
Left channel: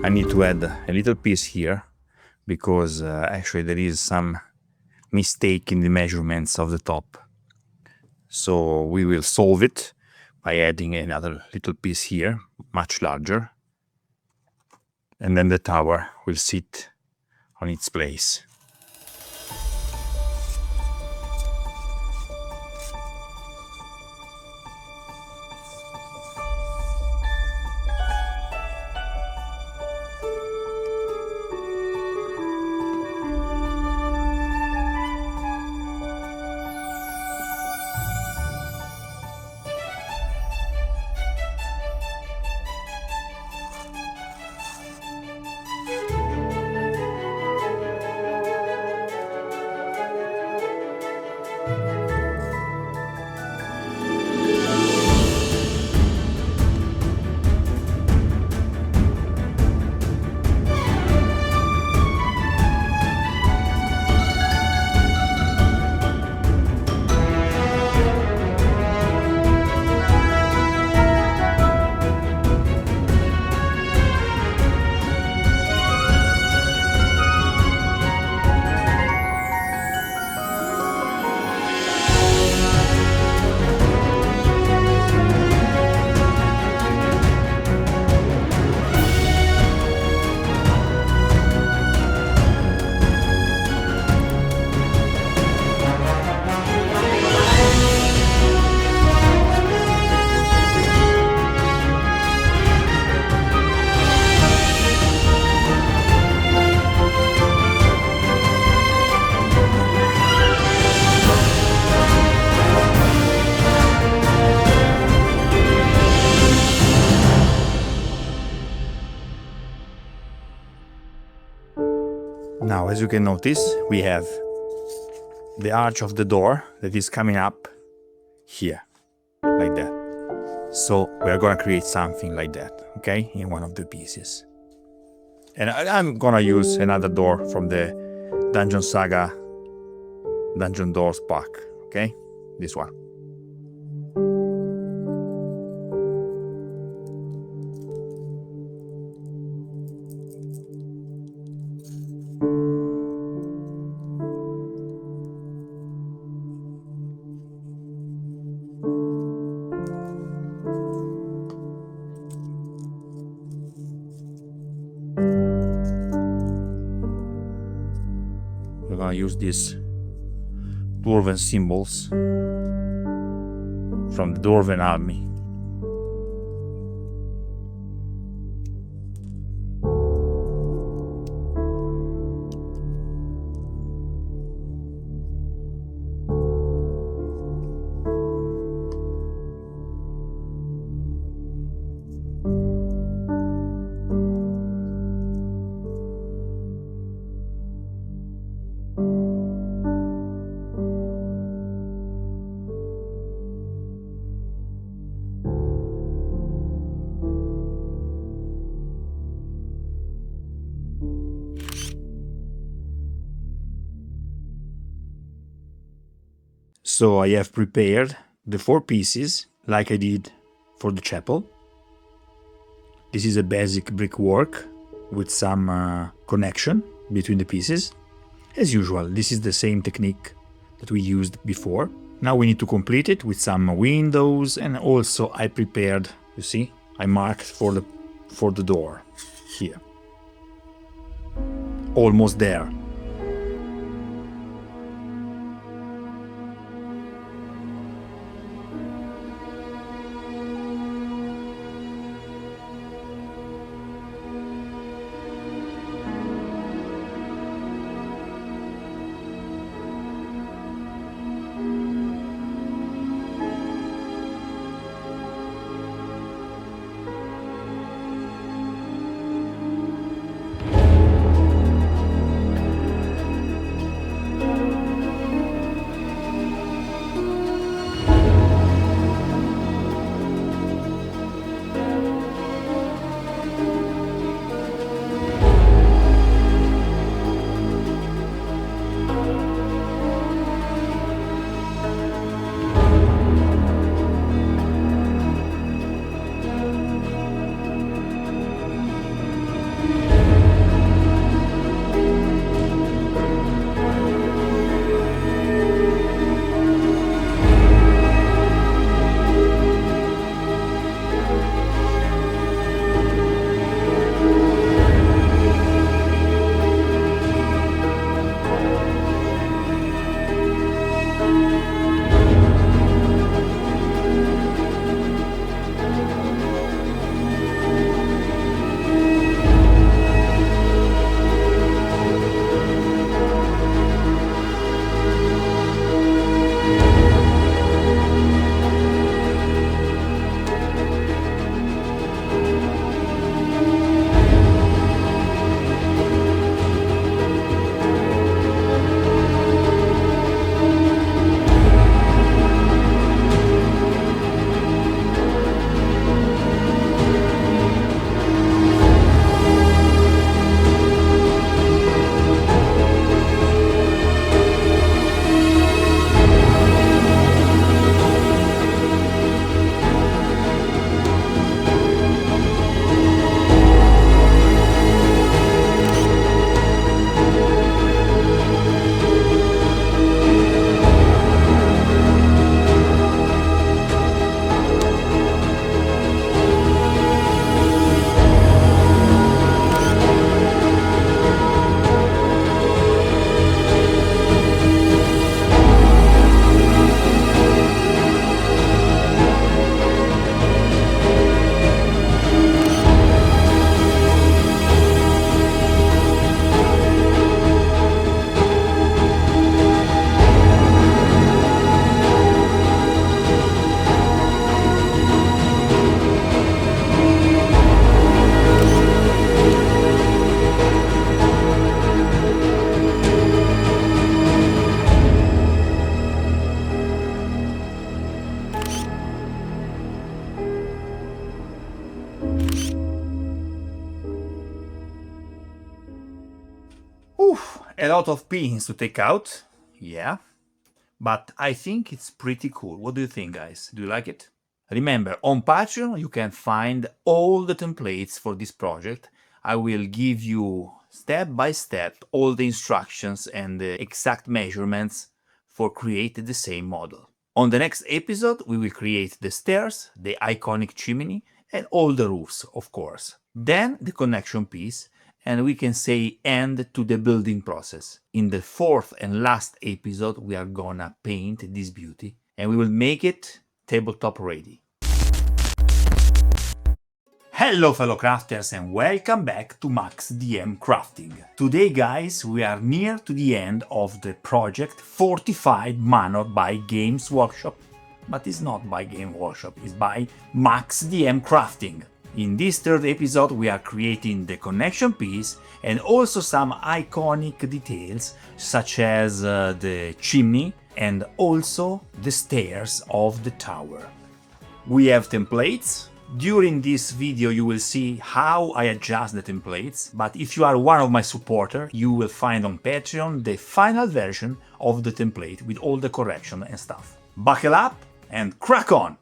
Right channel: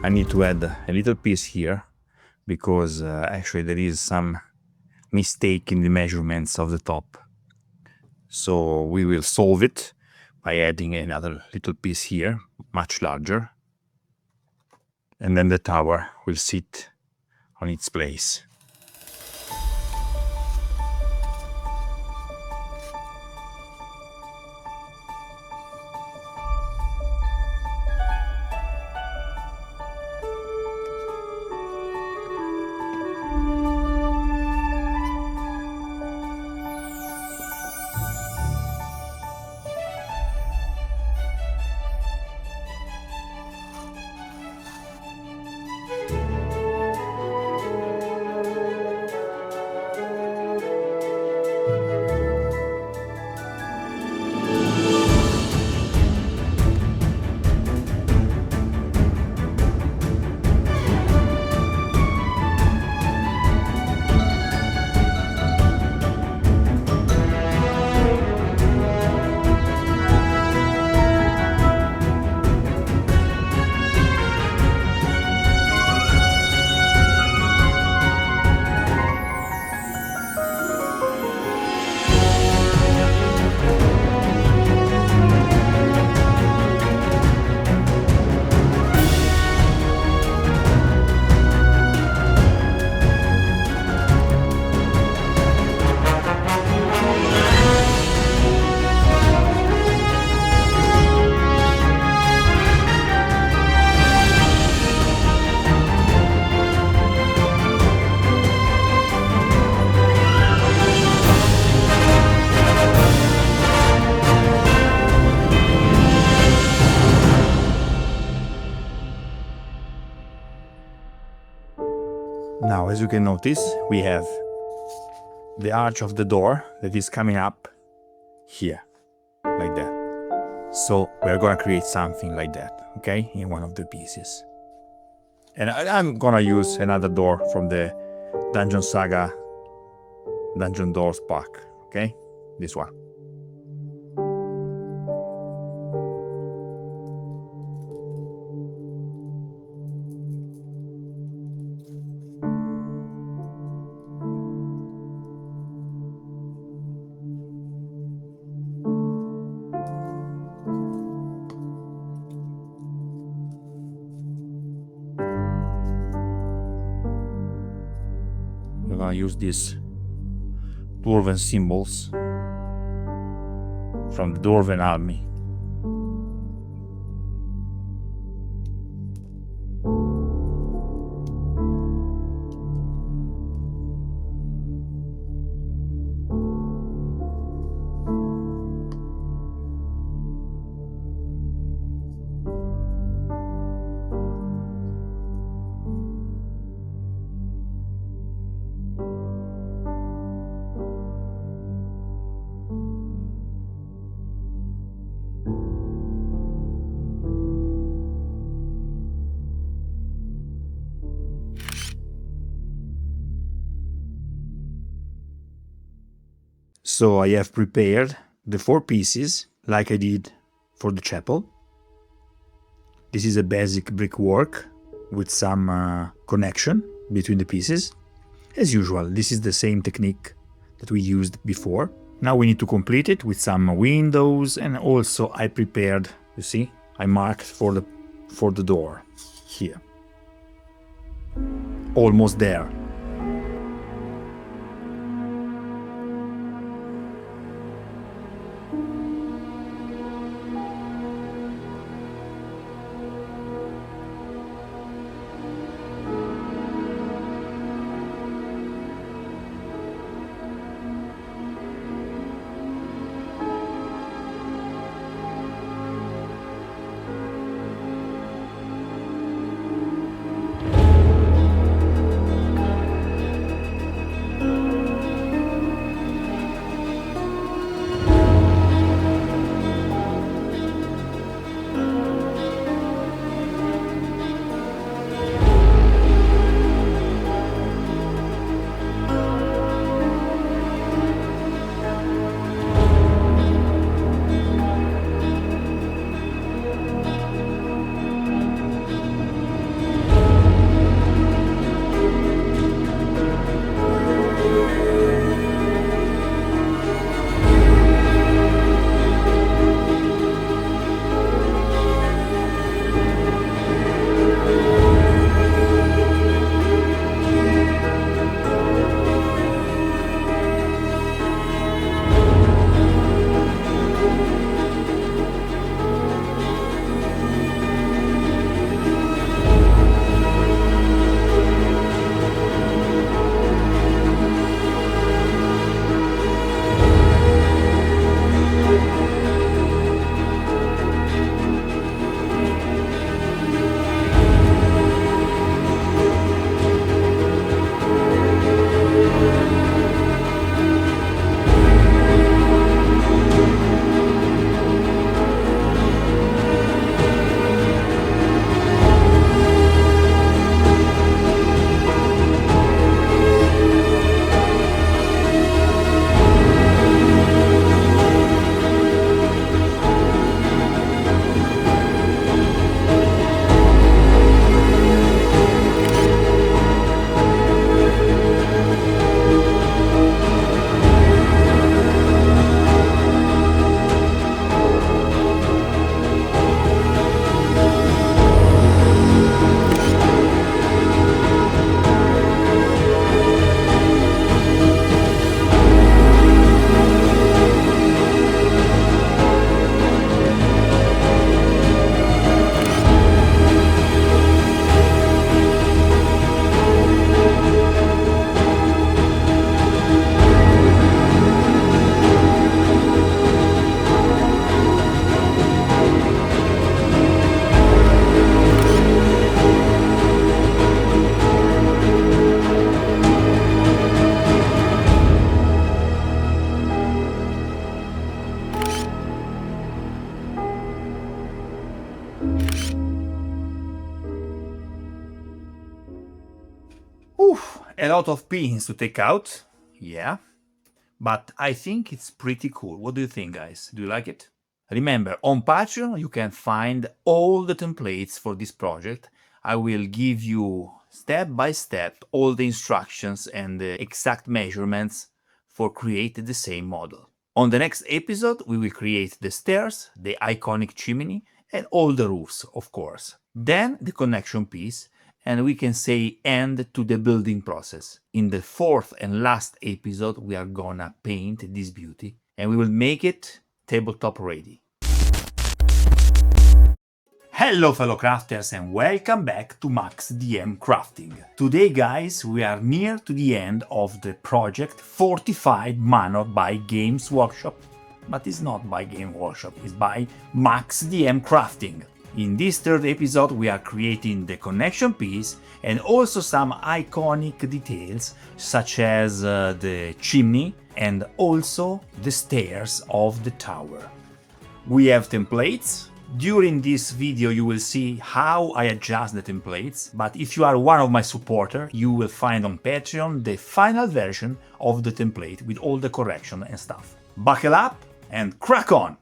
I need to add a little piece here because actually there is some mistake in the measurements of the top. So we will solve it by adding another little piece here, much larger. And then the tower will sit on its place. Now, as you can notice, we have the arch of the door that is coming up here, like that. So we're gonna create something like that, okay, in one of the pieces. And I'm gonna use another door from the Dungeon Saga Dungeon Doors pack, okay, this one. We're gonna use these Dwarven symbols from the Dwarven army. So I have prepared the 4 pieces like I did for the chapel. This is a basic brickwork with some connection between the pieces. As usual, this is the same technique that we used before. Now we need to complete it with some windows, and also I prepared, you see, I marked for the door here. Almost there. Whew, a lot of pins to take out, yeah, but I think it's pretty cool. What do you think, guys? Do you like it? Remember, on Patreon you can find all the templates for this project. I will give you step by step all the instructions and the exact measurements for creating the same model. On the next episode we will create the stairs, the iconic chimney, and all the roofs, of course. Then the connection piece, and we can say end to the building process. In the fourth and last episode we are gonna paint this beauty and we will make it tabletop ready. Hello fellow crafters and welcome back to maxdmcrafting. Today guys, we are near to the end of the project Fortified Manor by Games Workshop. But it's not by Game Workshop, it's by maxdmcrafting. In this third episode we are creating the connection piece and also some iconic details such as the chimney and also the stairs of the tower. We have templates. During this video you will see how I adjust the templates, but if you are one of my supporters, you will find on Patreon the final version of the template with all the correction and stuff. Buckle up and crack on!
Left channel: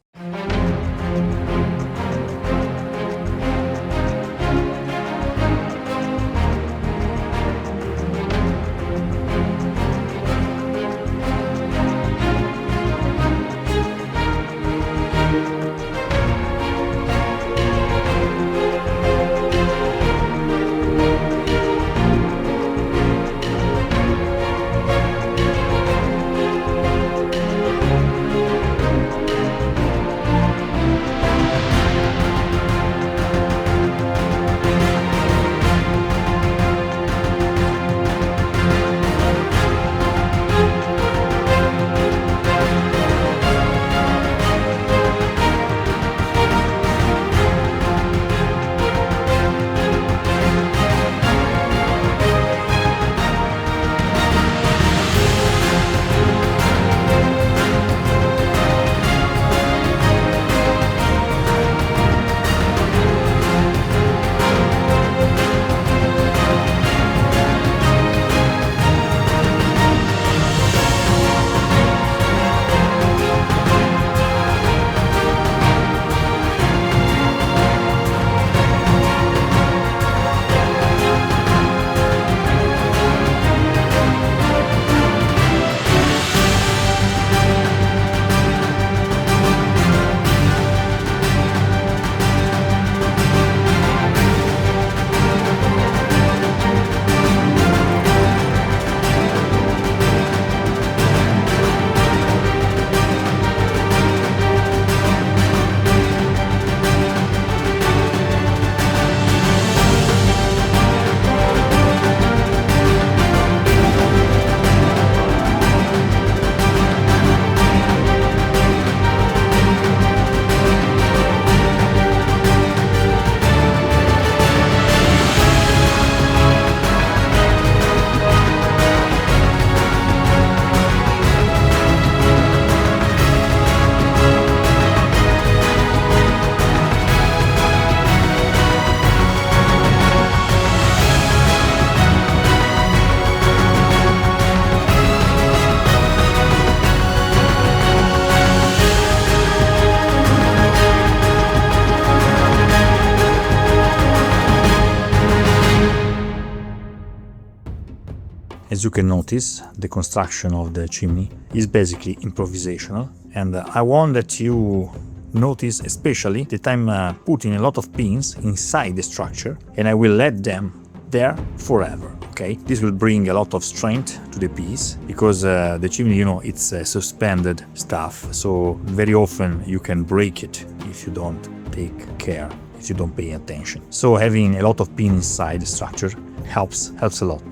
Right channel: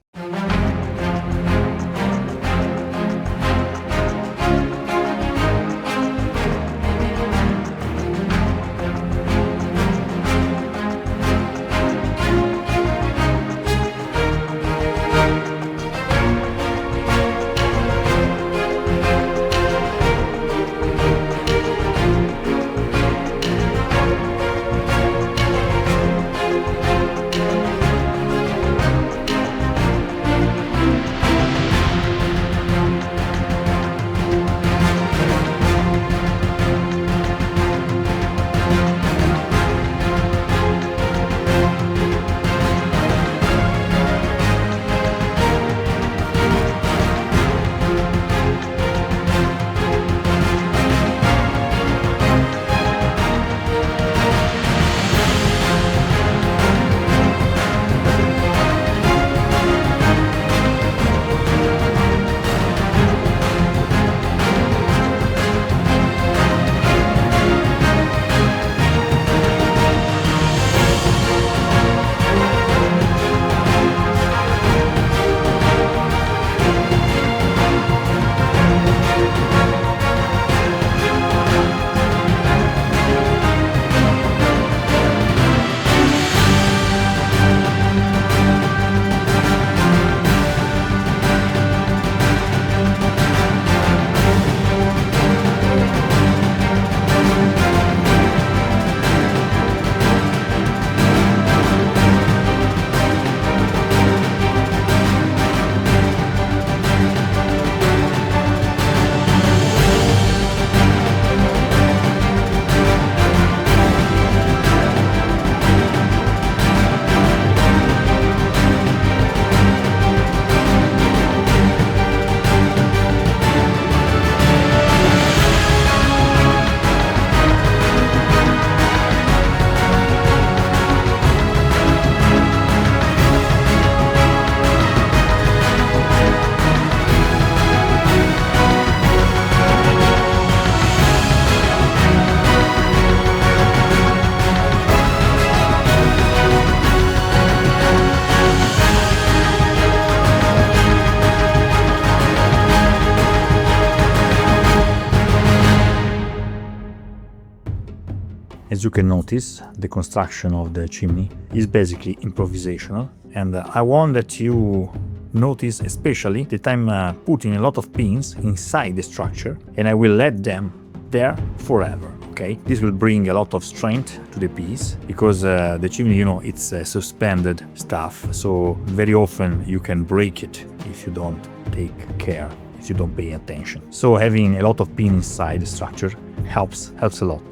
As you can notice, the construction of the chimney is basically improvisational, and I want that you notice especially that I'm putting a lot of pins inside the structure and I will let them there forever, okay? This will bring a lot of strength to the piece because the chimney, you know, it's suspended stuff, so very often you can break it if you don't take care, if you don't pay attention. So having a lot of pins inside the structure helps a lot.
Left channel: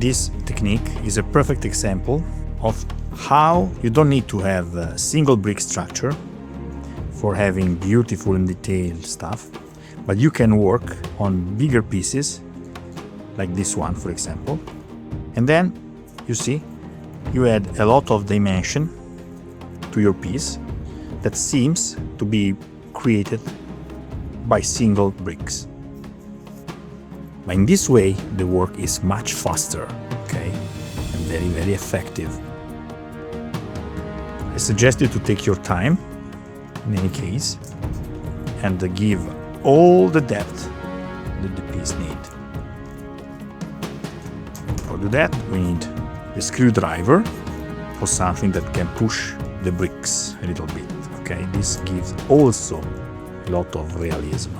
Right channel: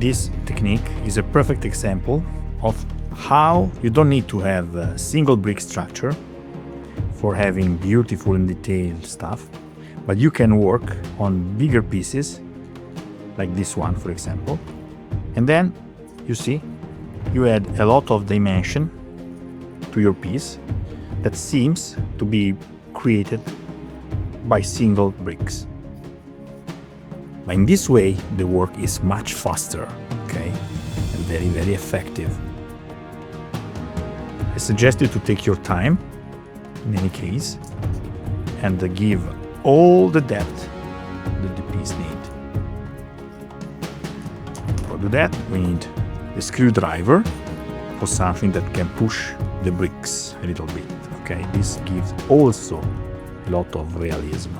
This technique is a perfect example of how you don't need to have a single brick structure for having beautiful and detailed stuff, but you can work on bigger pieces like this one, for example, and then you see you add a lot of dimension to your piece that seems to be created by single bricks. But in this way, the work is much faster, okay, and very, very effective. I suggest you to take your time, in any case, and give all the depth that the piece needs. For that, we need the screwdriver for something that can push the bricks a little bit, okay? This gives also a lot of realism.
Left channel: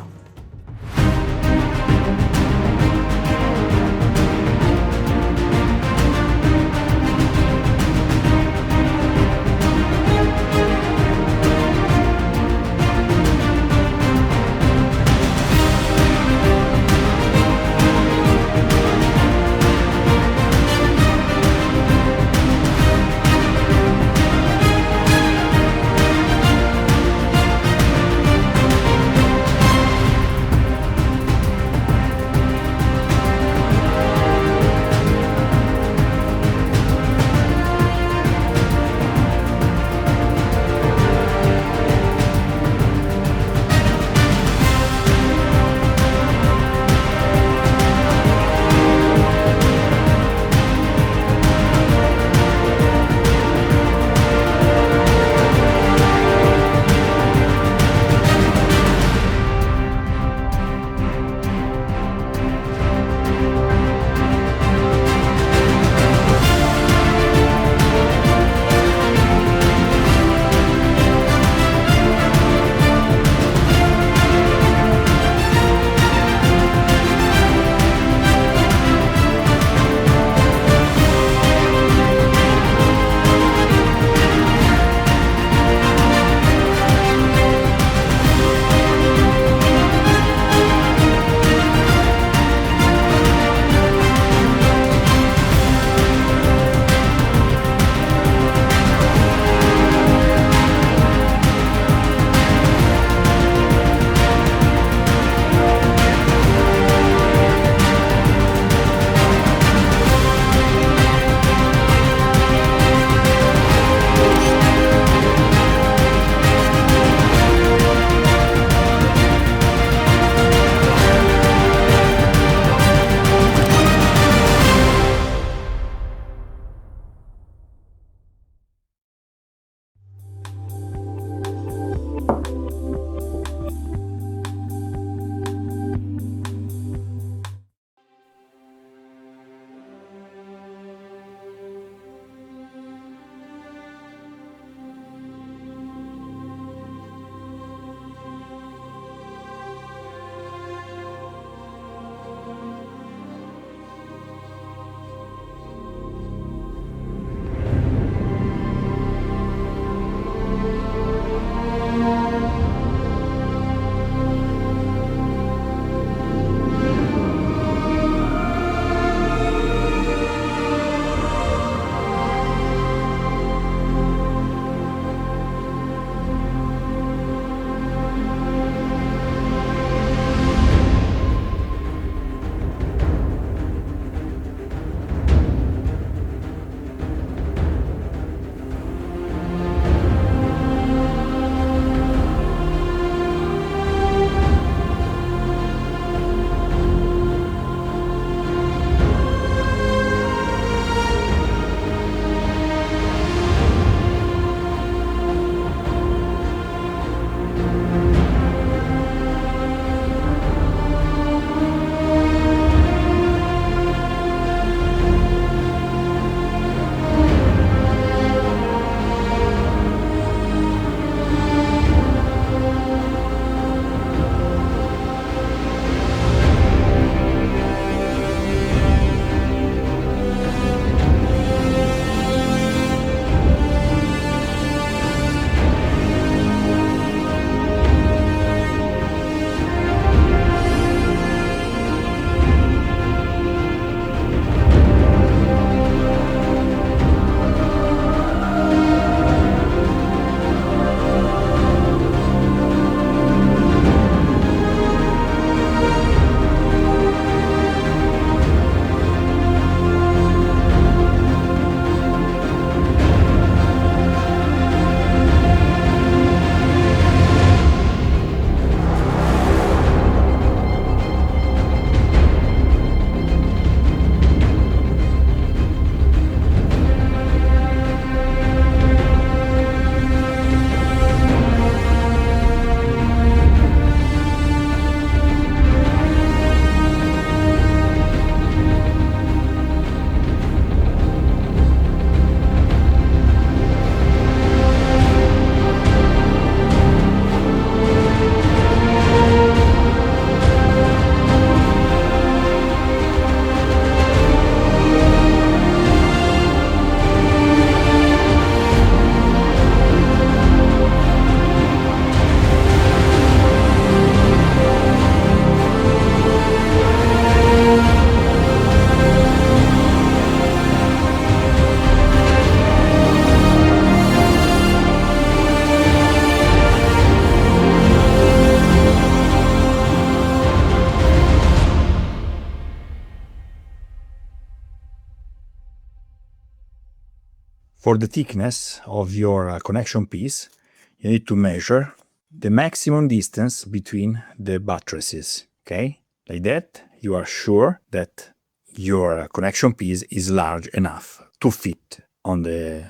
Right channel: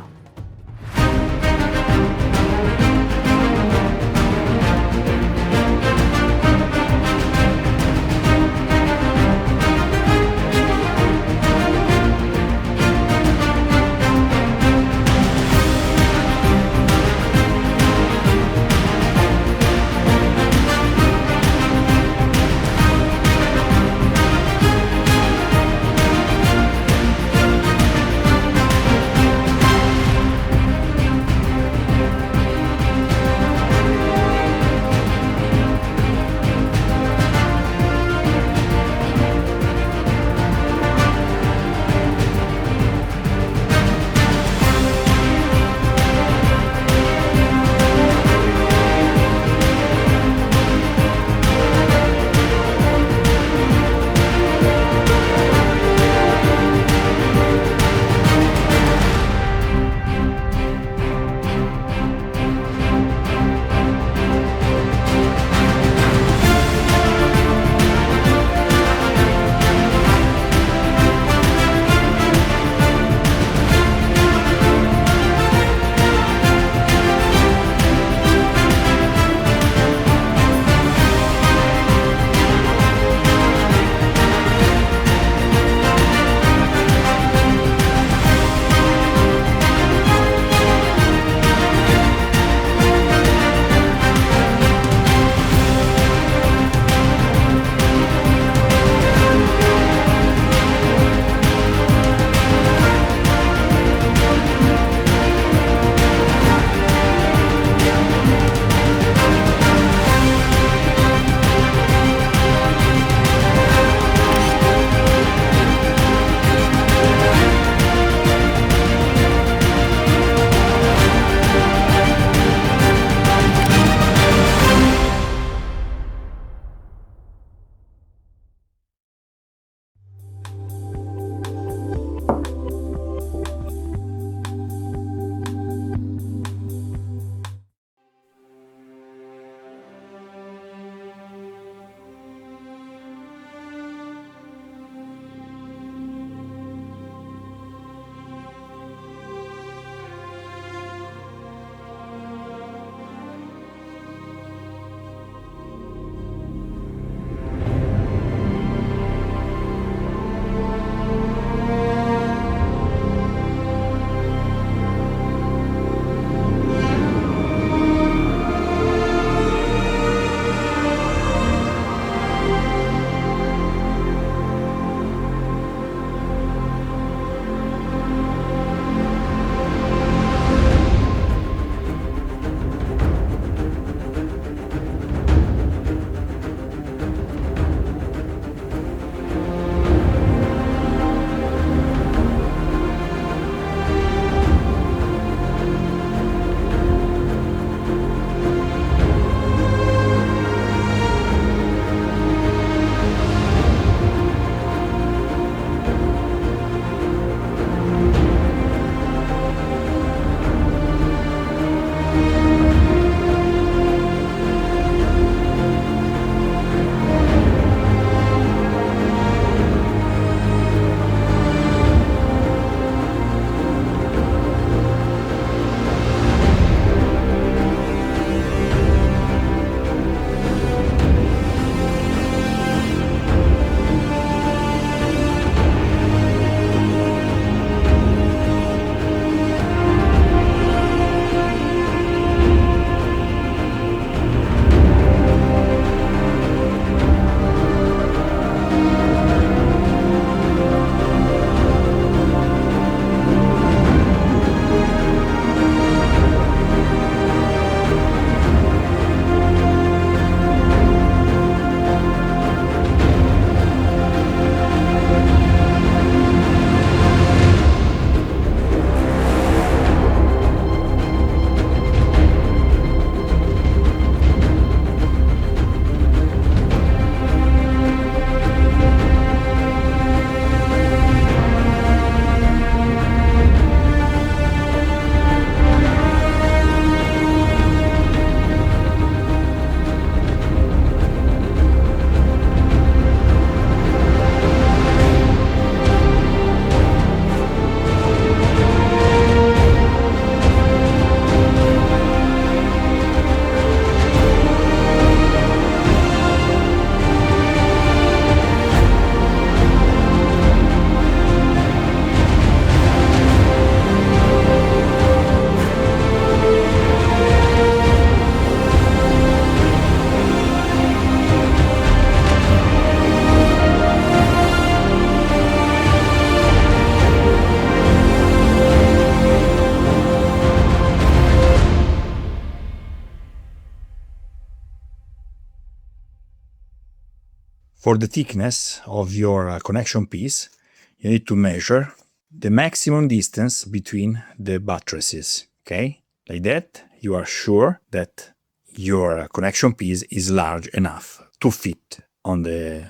For the thickness of your connection piece, you need to measure the maximum distance between the buttresses, okay? Like that, you are sure that your connection piece is large enough to fit on the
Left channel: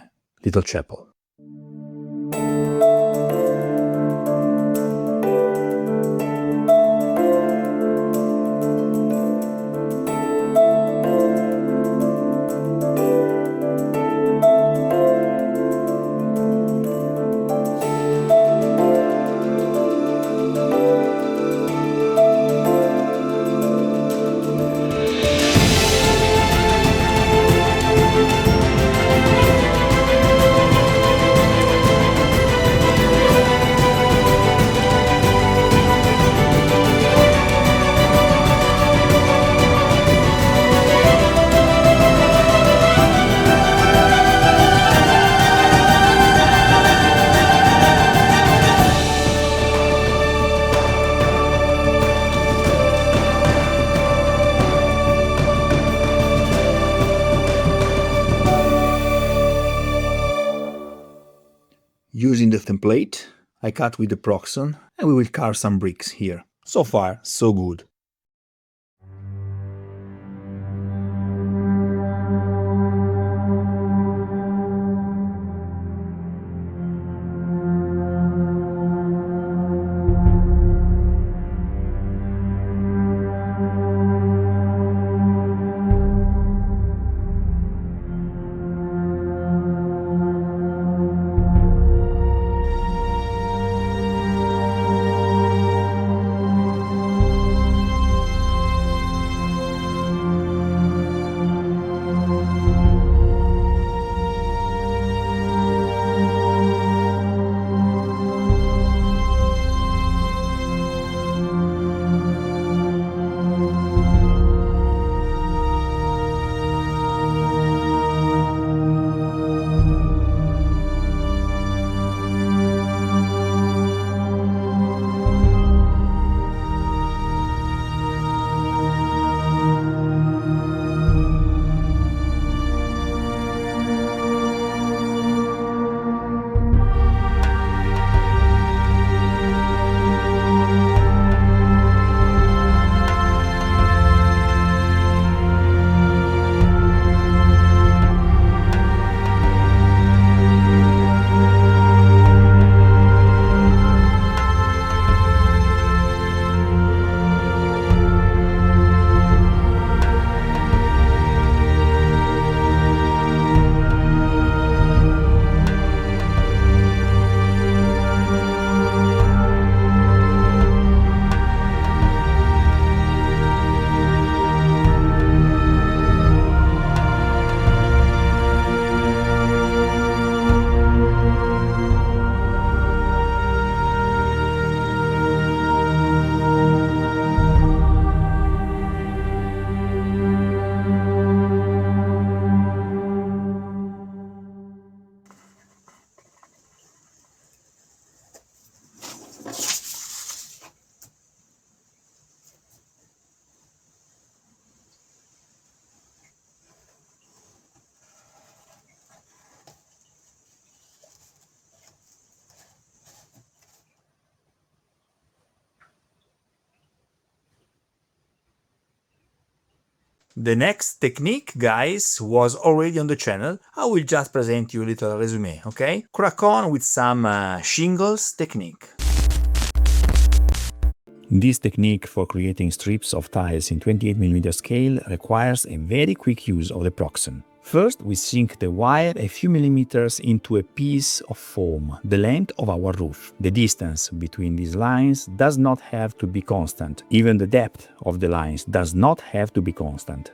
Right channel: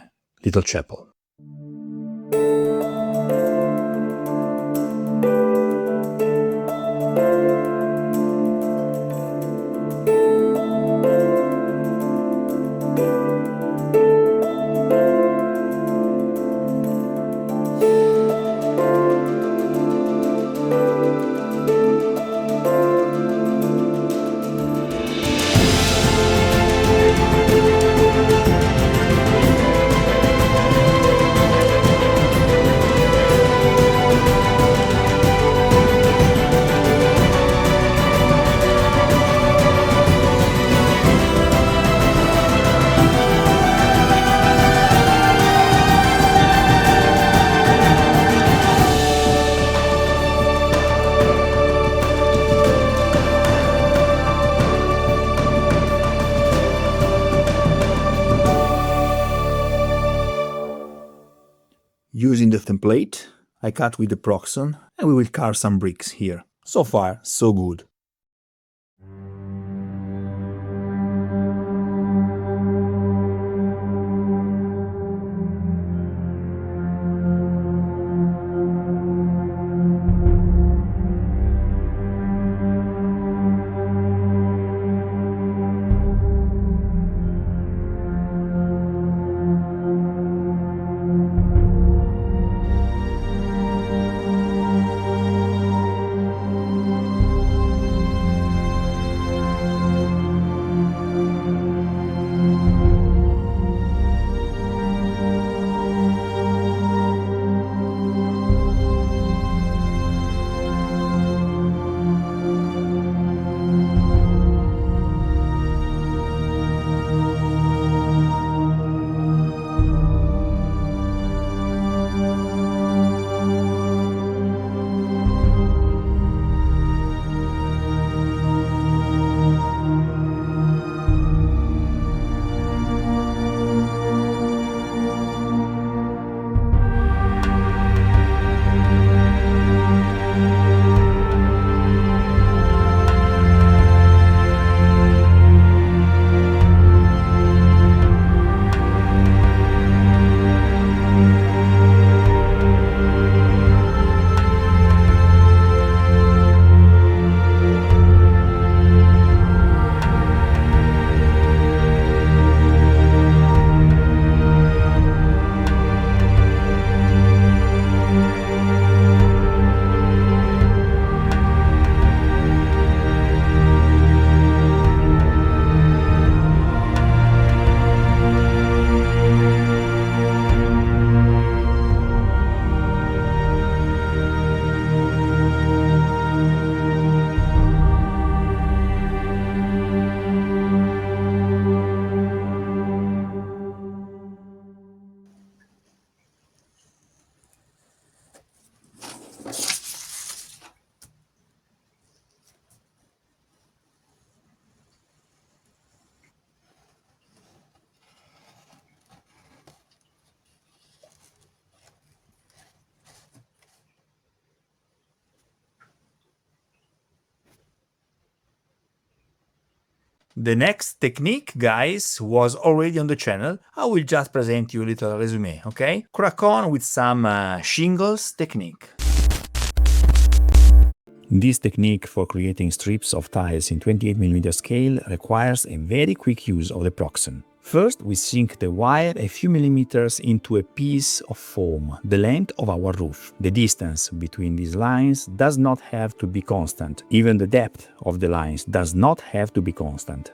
little chapel. Using the template, I cut with the Proxon and we will carve some bricks here. So far, so good. The next technique, guys, was already on the channel. I will just present you a little resume, okay? Crack on with some shingles technique. This technique for creating strips of tiles in 28mm scale requires a very quick use of the Proxon. First, we sink the wire a few millimeters into a piece of foam, the length of our roof. The distance between these lines does not have to be constant. Even the depth of the lines does not have to be constant.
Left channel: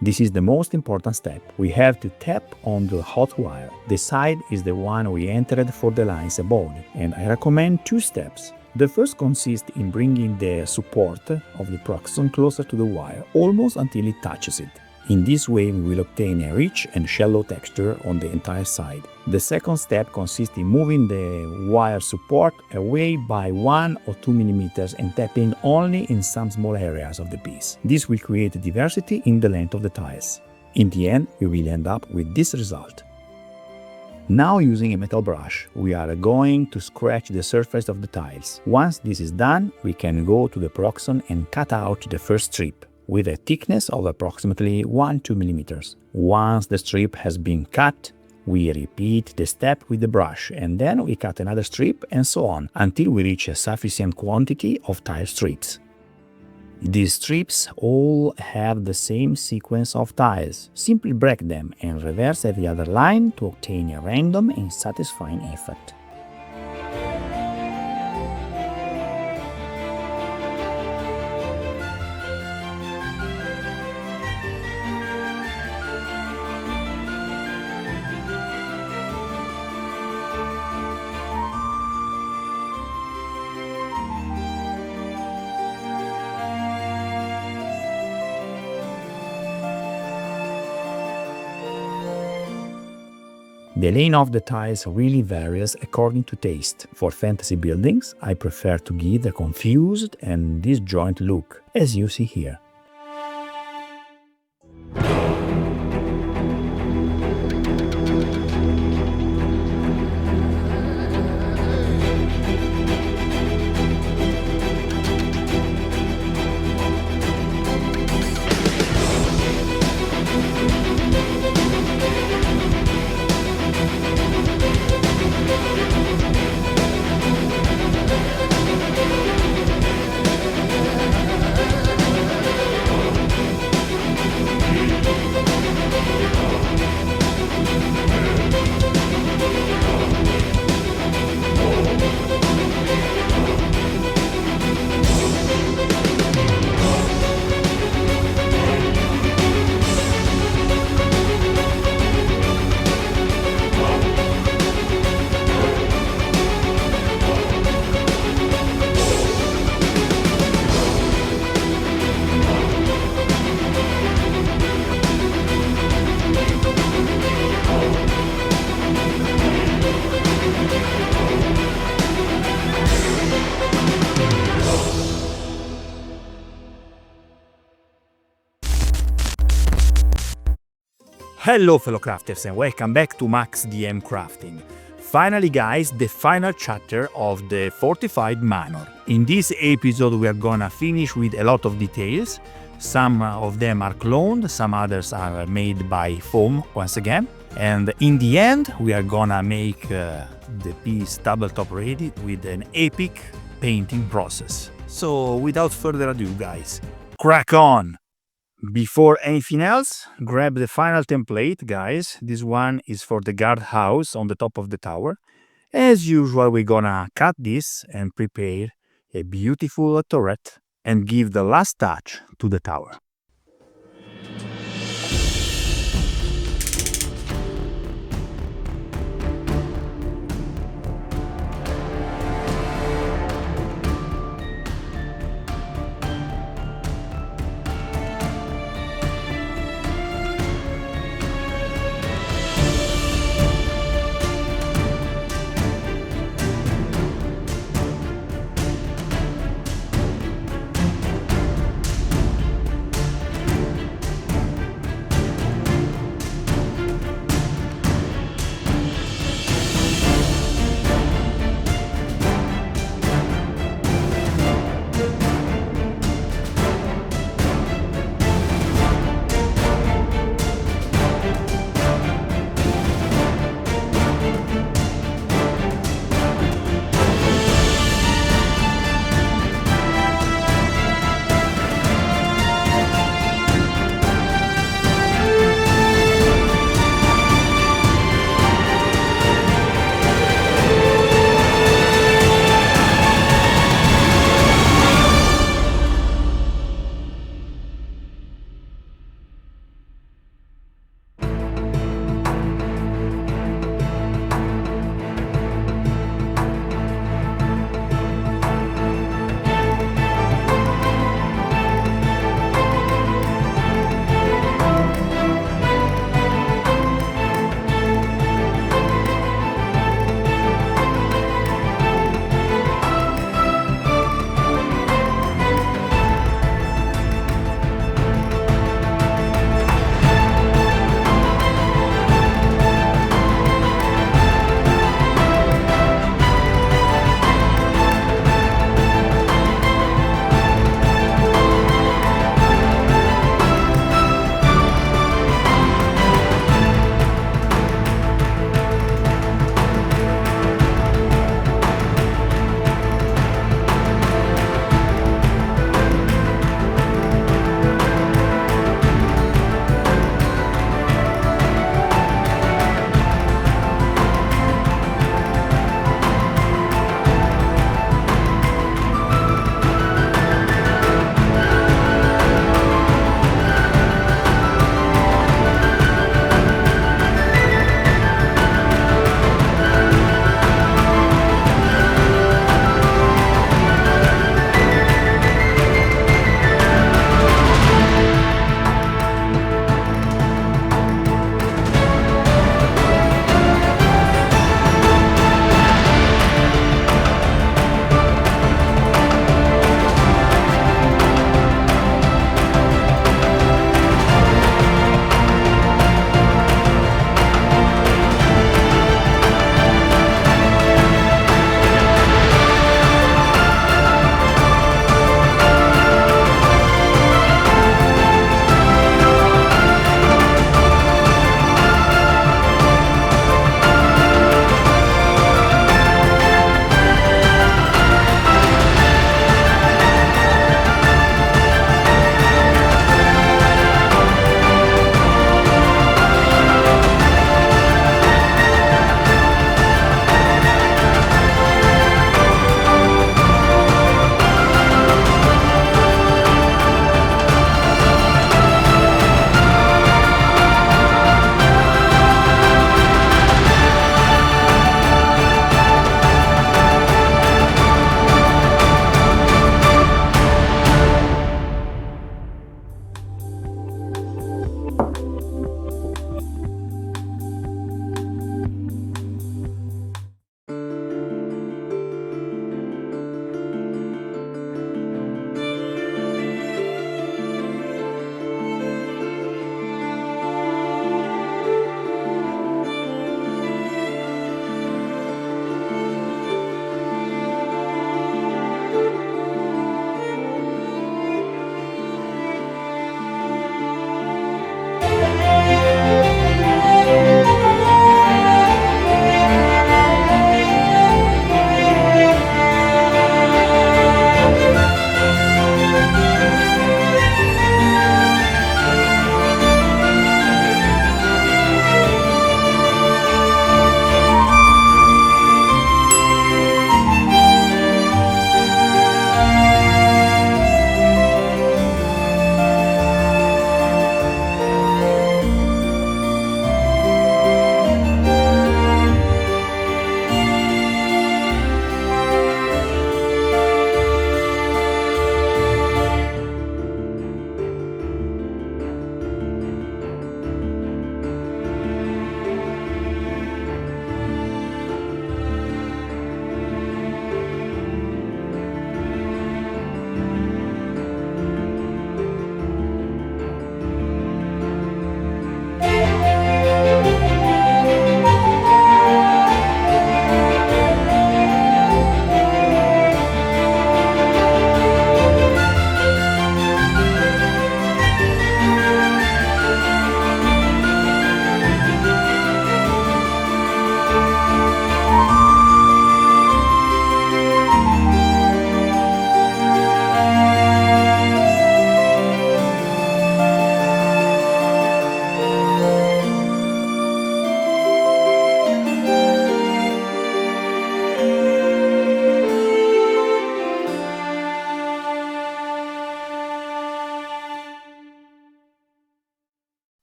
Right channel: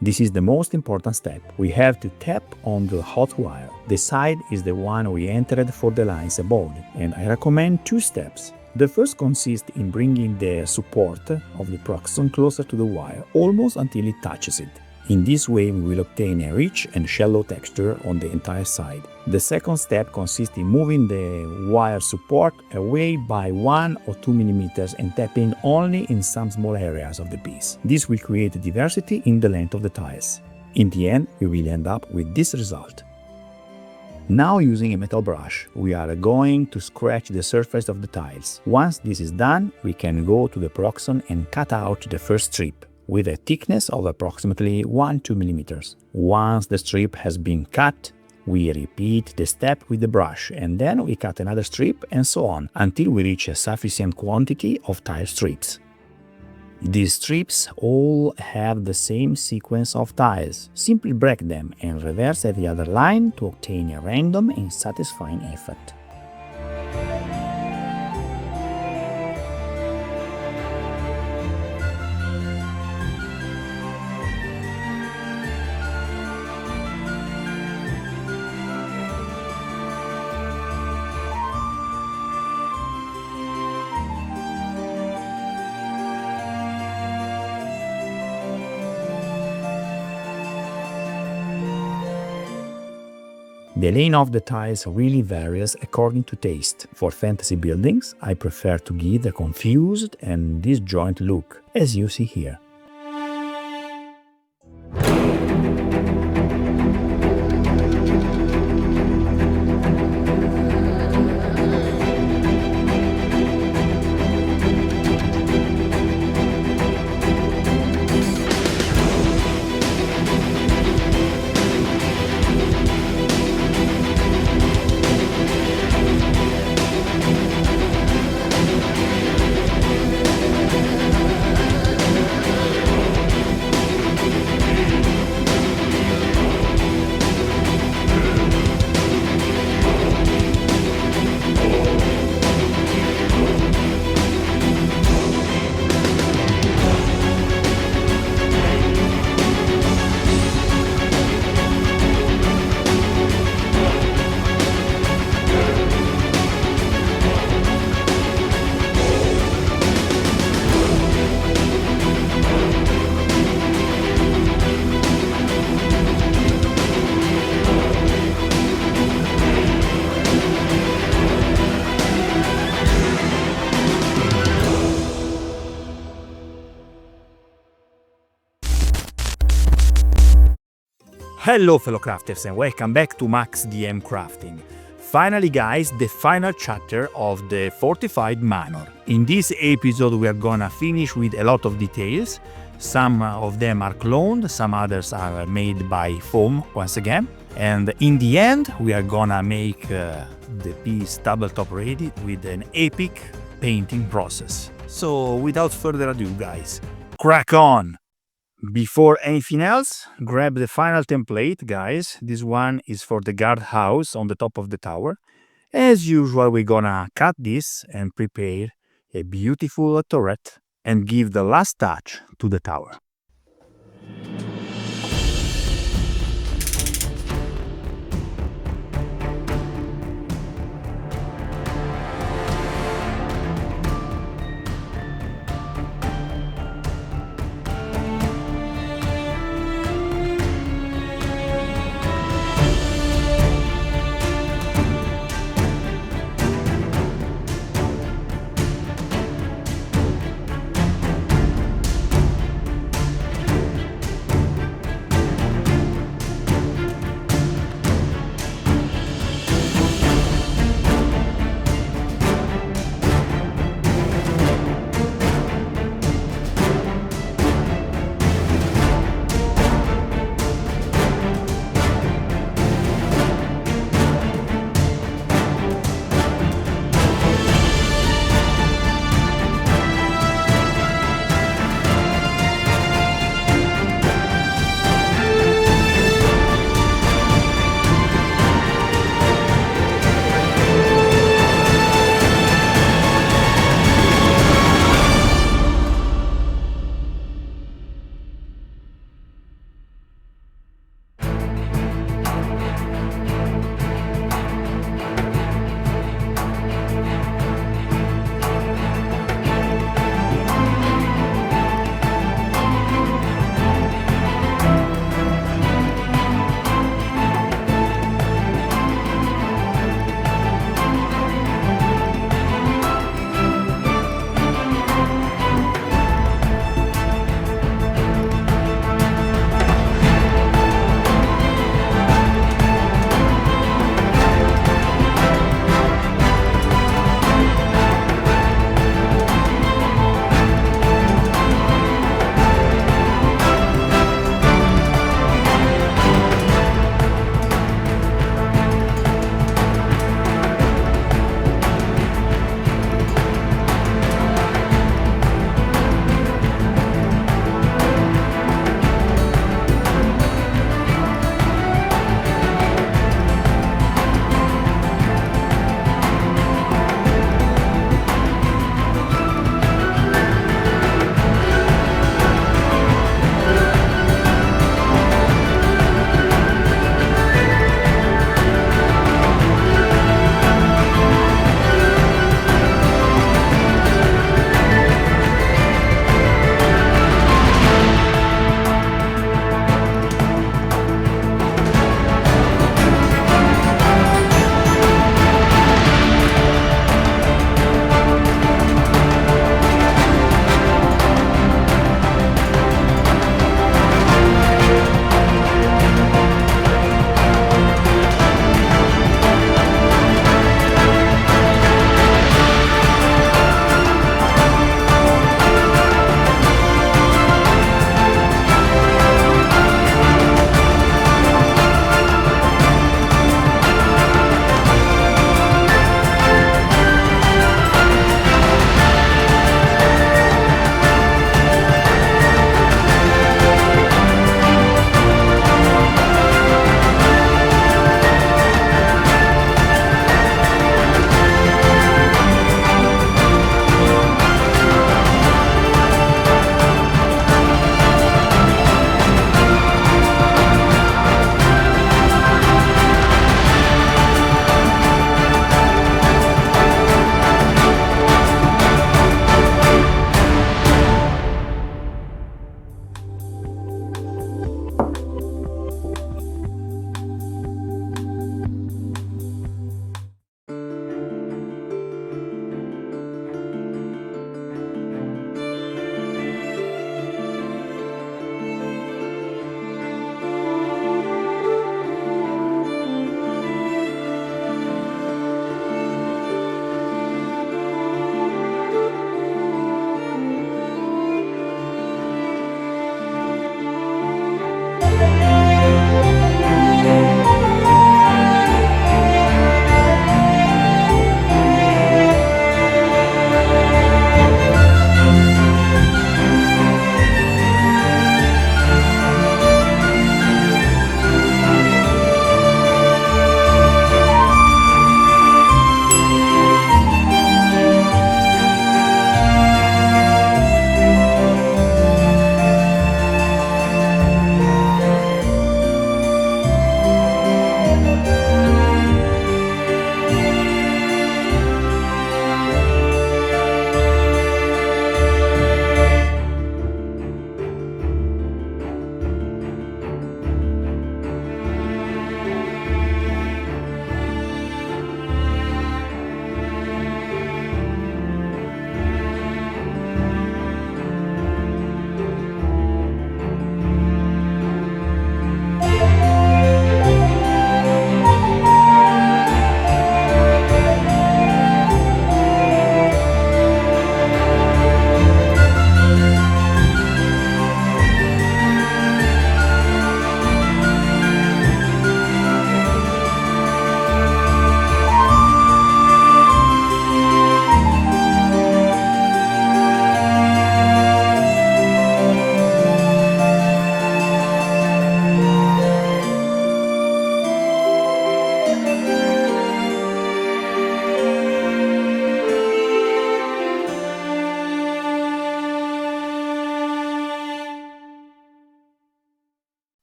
This is the most important step. We have to tap on the hot wire. The side is the one we entered for the lines above, and I recommend two steps. The first consists in bringing the support of the Proxon closer to the wire, almost until it touches it. In this way, we will obtain a rich and shallow texture on the entire side. The second step consists in moving the wire support away by 1 or 2 mm and tapping only in some small areas of the piece. This will create diversity in the length of the tiles. In the end, we will end up with this result. Now, using a metal brush, we are going to scratch the surface of the tiles. Once this is done, we can go to the proxon and cut out the first strip with a thickness of approximately 1-2 mm. Once the strip has been cut, we repeat the step with the brush, and then we cut another strip and so on until we reach a sufficient quantity of tile strips. These strips all have the same sequence of tiles. Simply break them and reverse every other line to obtain a random and satisfying effect. The laying of the tiles really varies according to taste. For fantasy buildings, I prefer to give a confused and disjoint look, as you see here. Hello fellow crafters and welcome back to maxdmcrafting. Finally guys, the final chapter of the Fortified Manor. In this episode we are gonna finish with a lot of details. Some of them are cloned, some others are made by foam once again. And in the end we are gonna make the piece tabletop ready with an epic painting process. So without further ado guys, crack on! Before anything else, grab the final template, guys. This one is for the guardhouse on the top of the tower. As usual, we're gonna cut this and prepare a beautiful turret and give the last touch to the tower.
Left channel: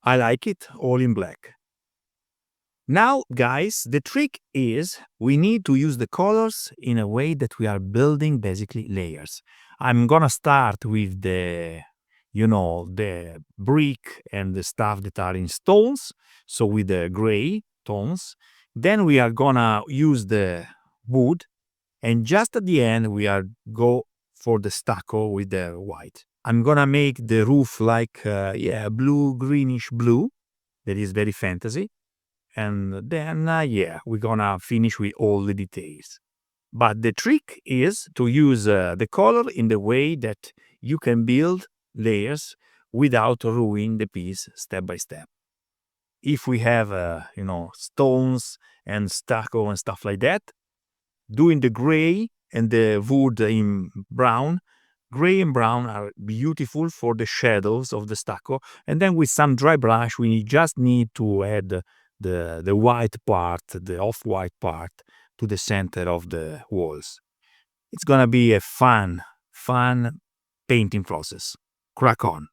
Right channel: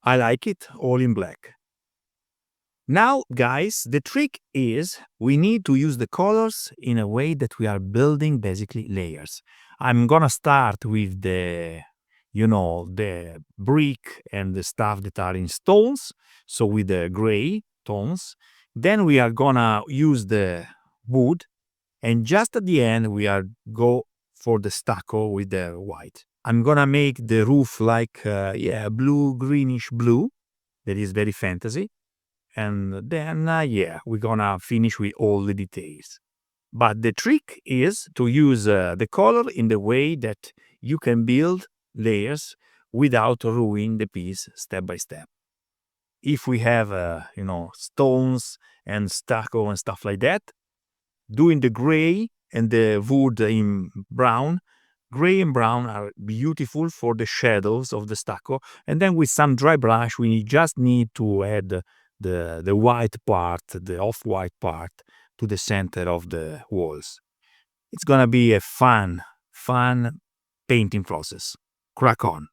I like it all in black. Now, guys, the trick is we need to use the colors in a way that we are building basically layers. I'm gonna start with the brick and the stuff that are in stones, so with the gray tones. Then we are gonna use the wood, and just at the end we are go for the stucco with the white. I'm gonna make the roof like blue, greenish blue. That is very fantasy. And then we're gonna finish with all the details. But the trick is to use the color in the way that you can build layers without ruining the piece step by step. If we have stones and stucco and stuff like that, doing the gray and the wood in brown, gray and brown are beautiful for the shadows of the stucco. And then with some dry brush, we just need to add the white part, the off-white part, to the center of the walls. It's gonna be a fun painting process. Crack on.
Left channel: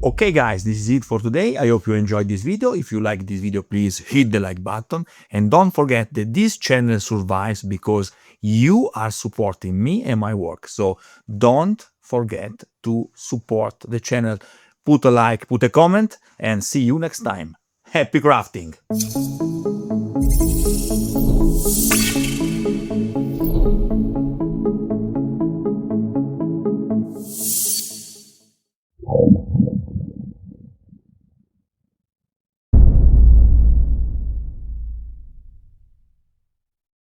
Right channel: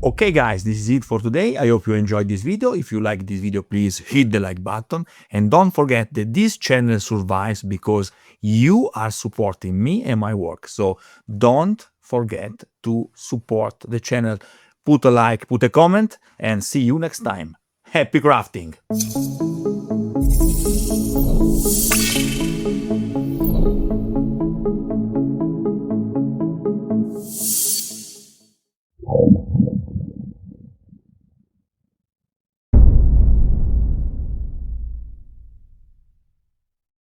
Okay guys, this is it for today. I hope you enjoyed this video. If you like this video, please hit the like button and don't forget that this channel survives because you are supporting me and my work. So don't forget to support the channel. Put a like, put a comment, and see you next time. Happy crafting!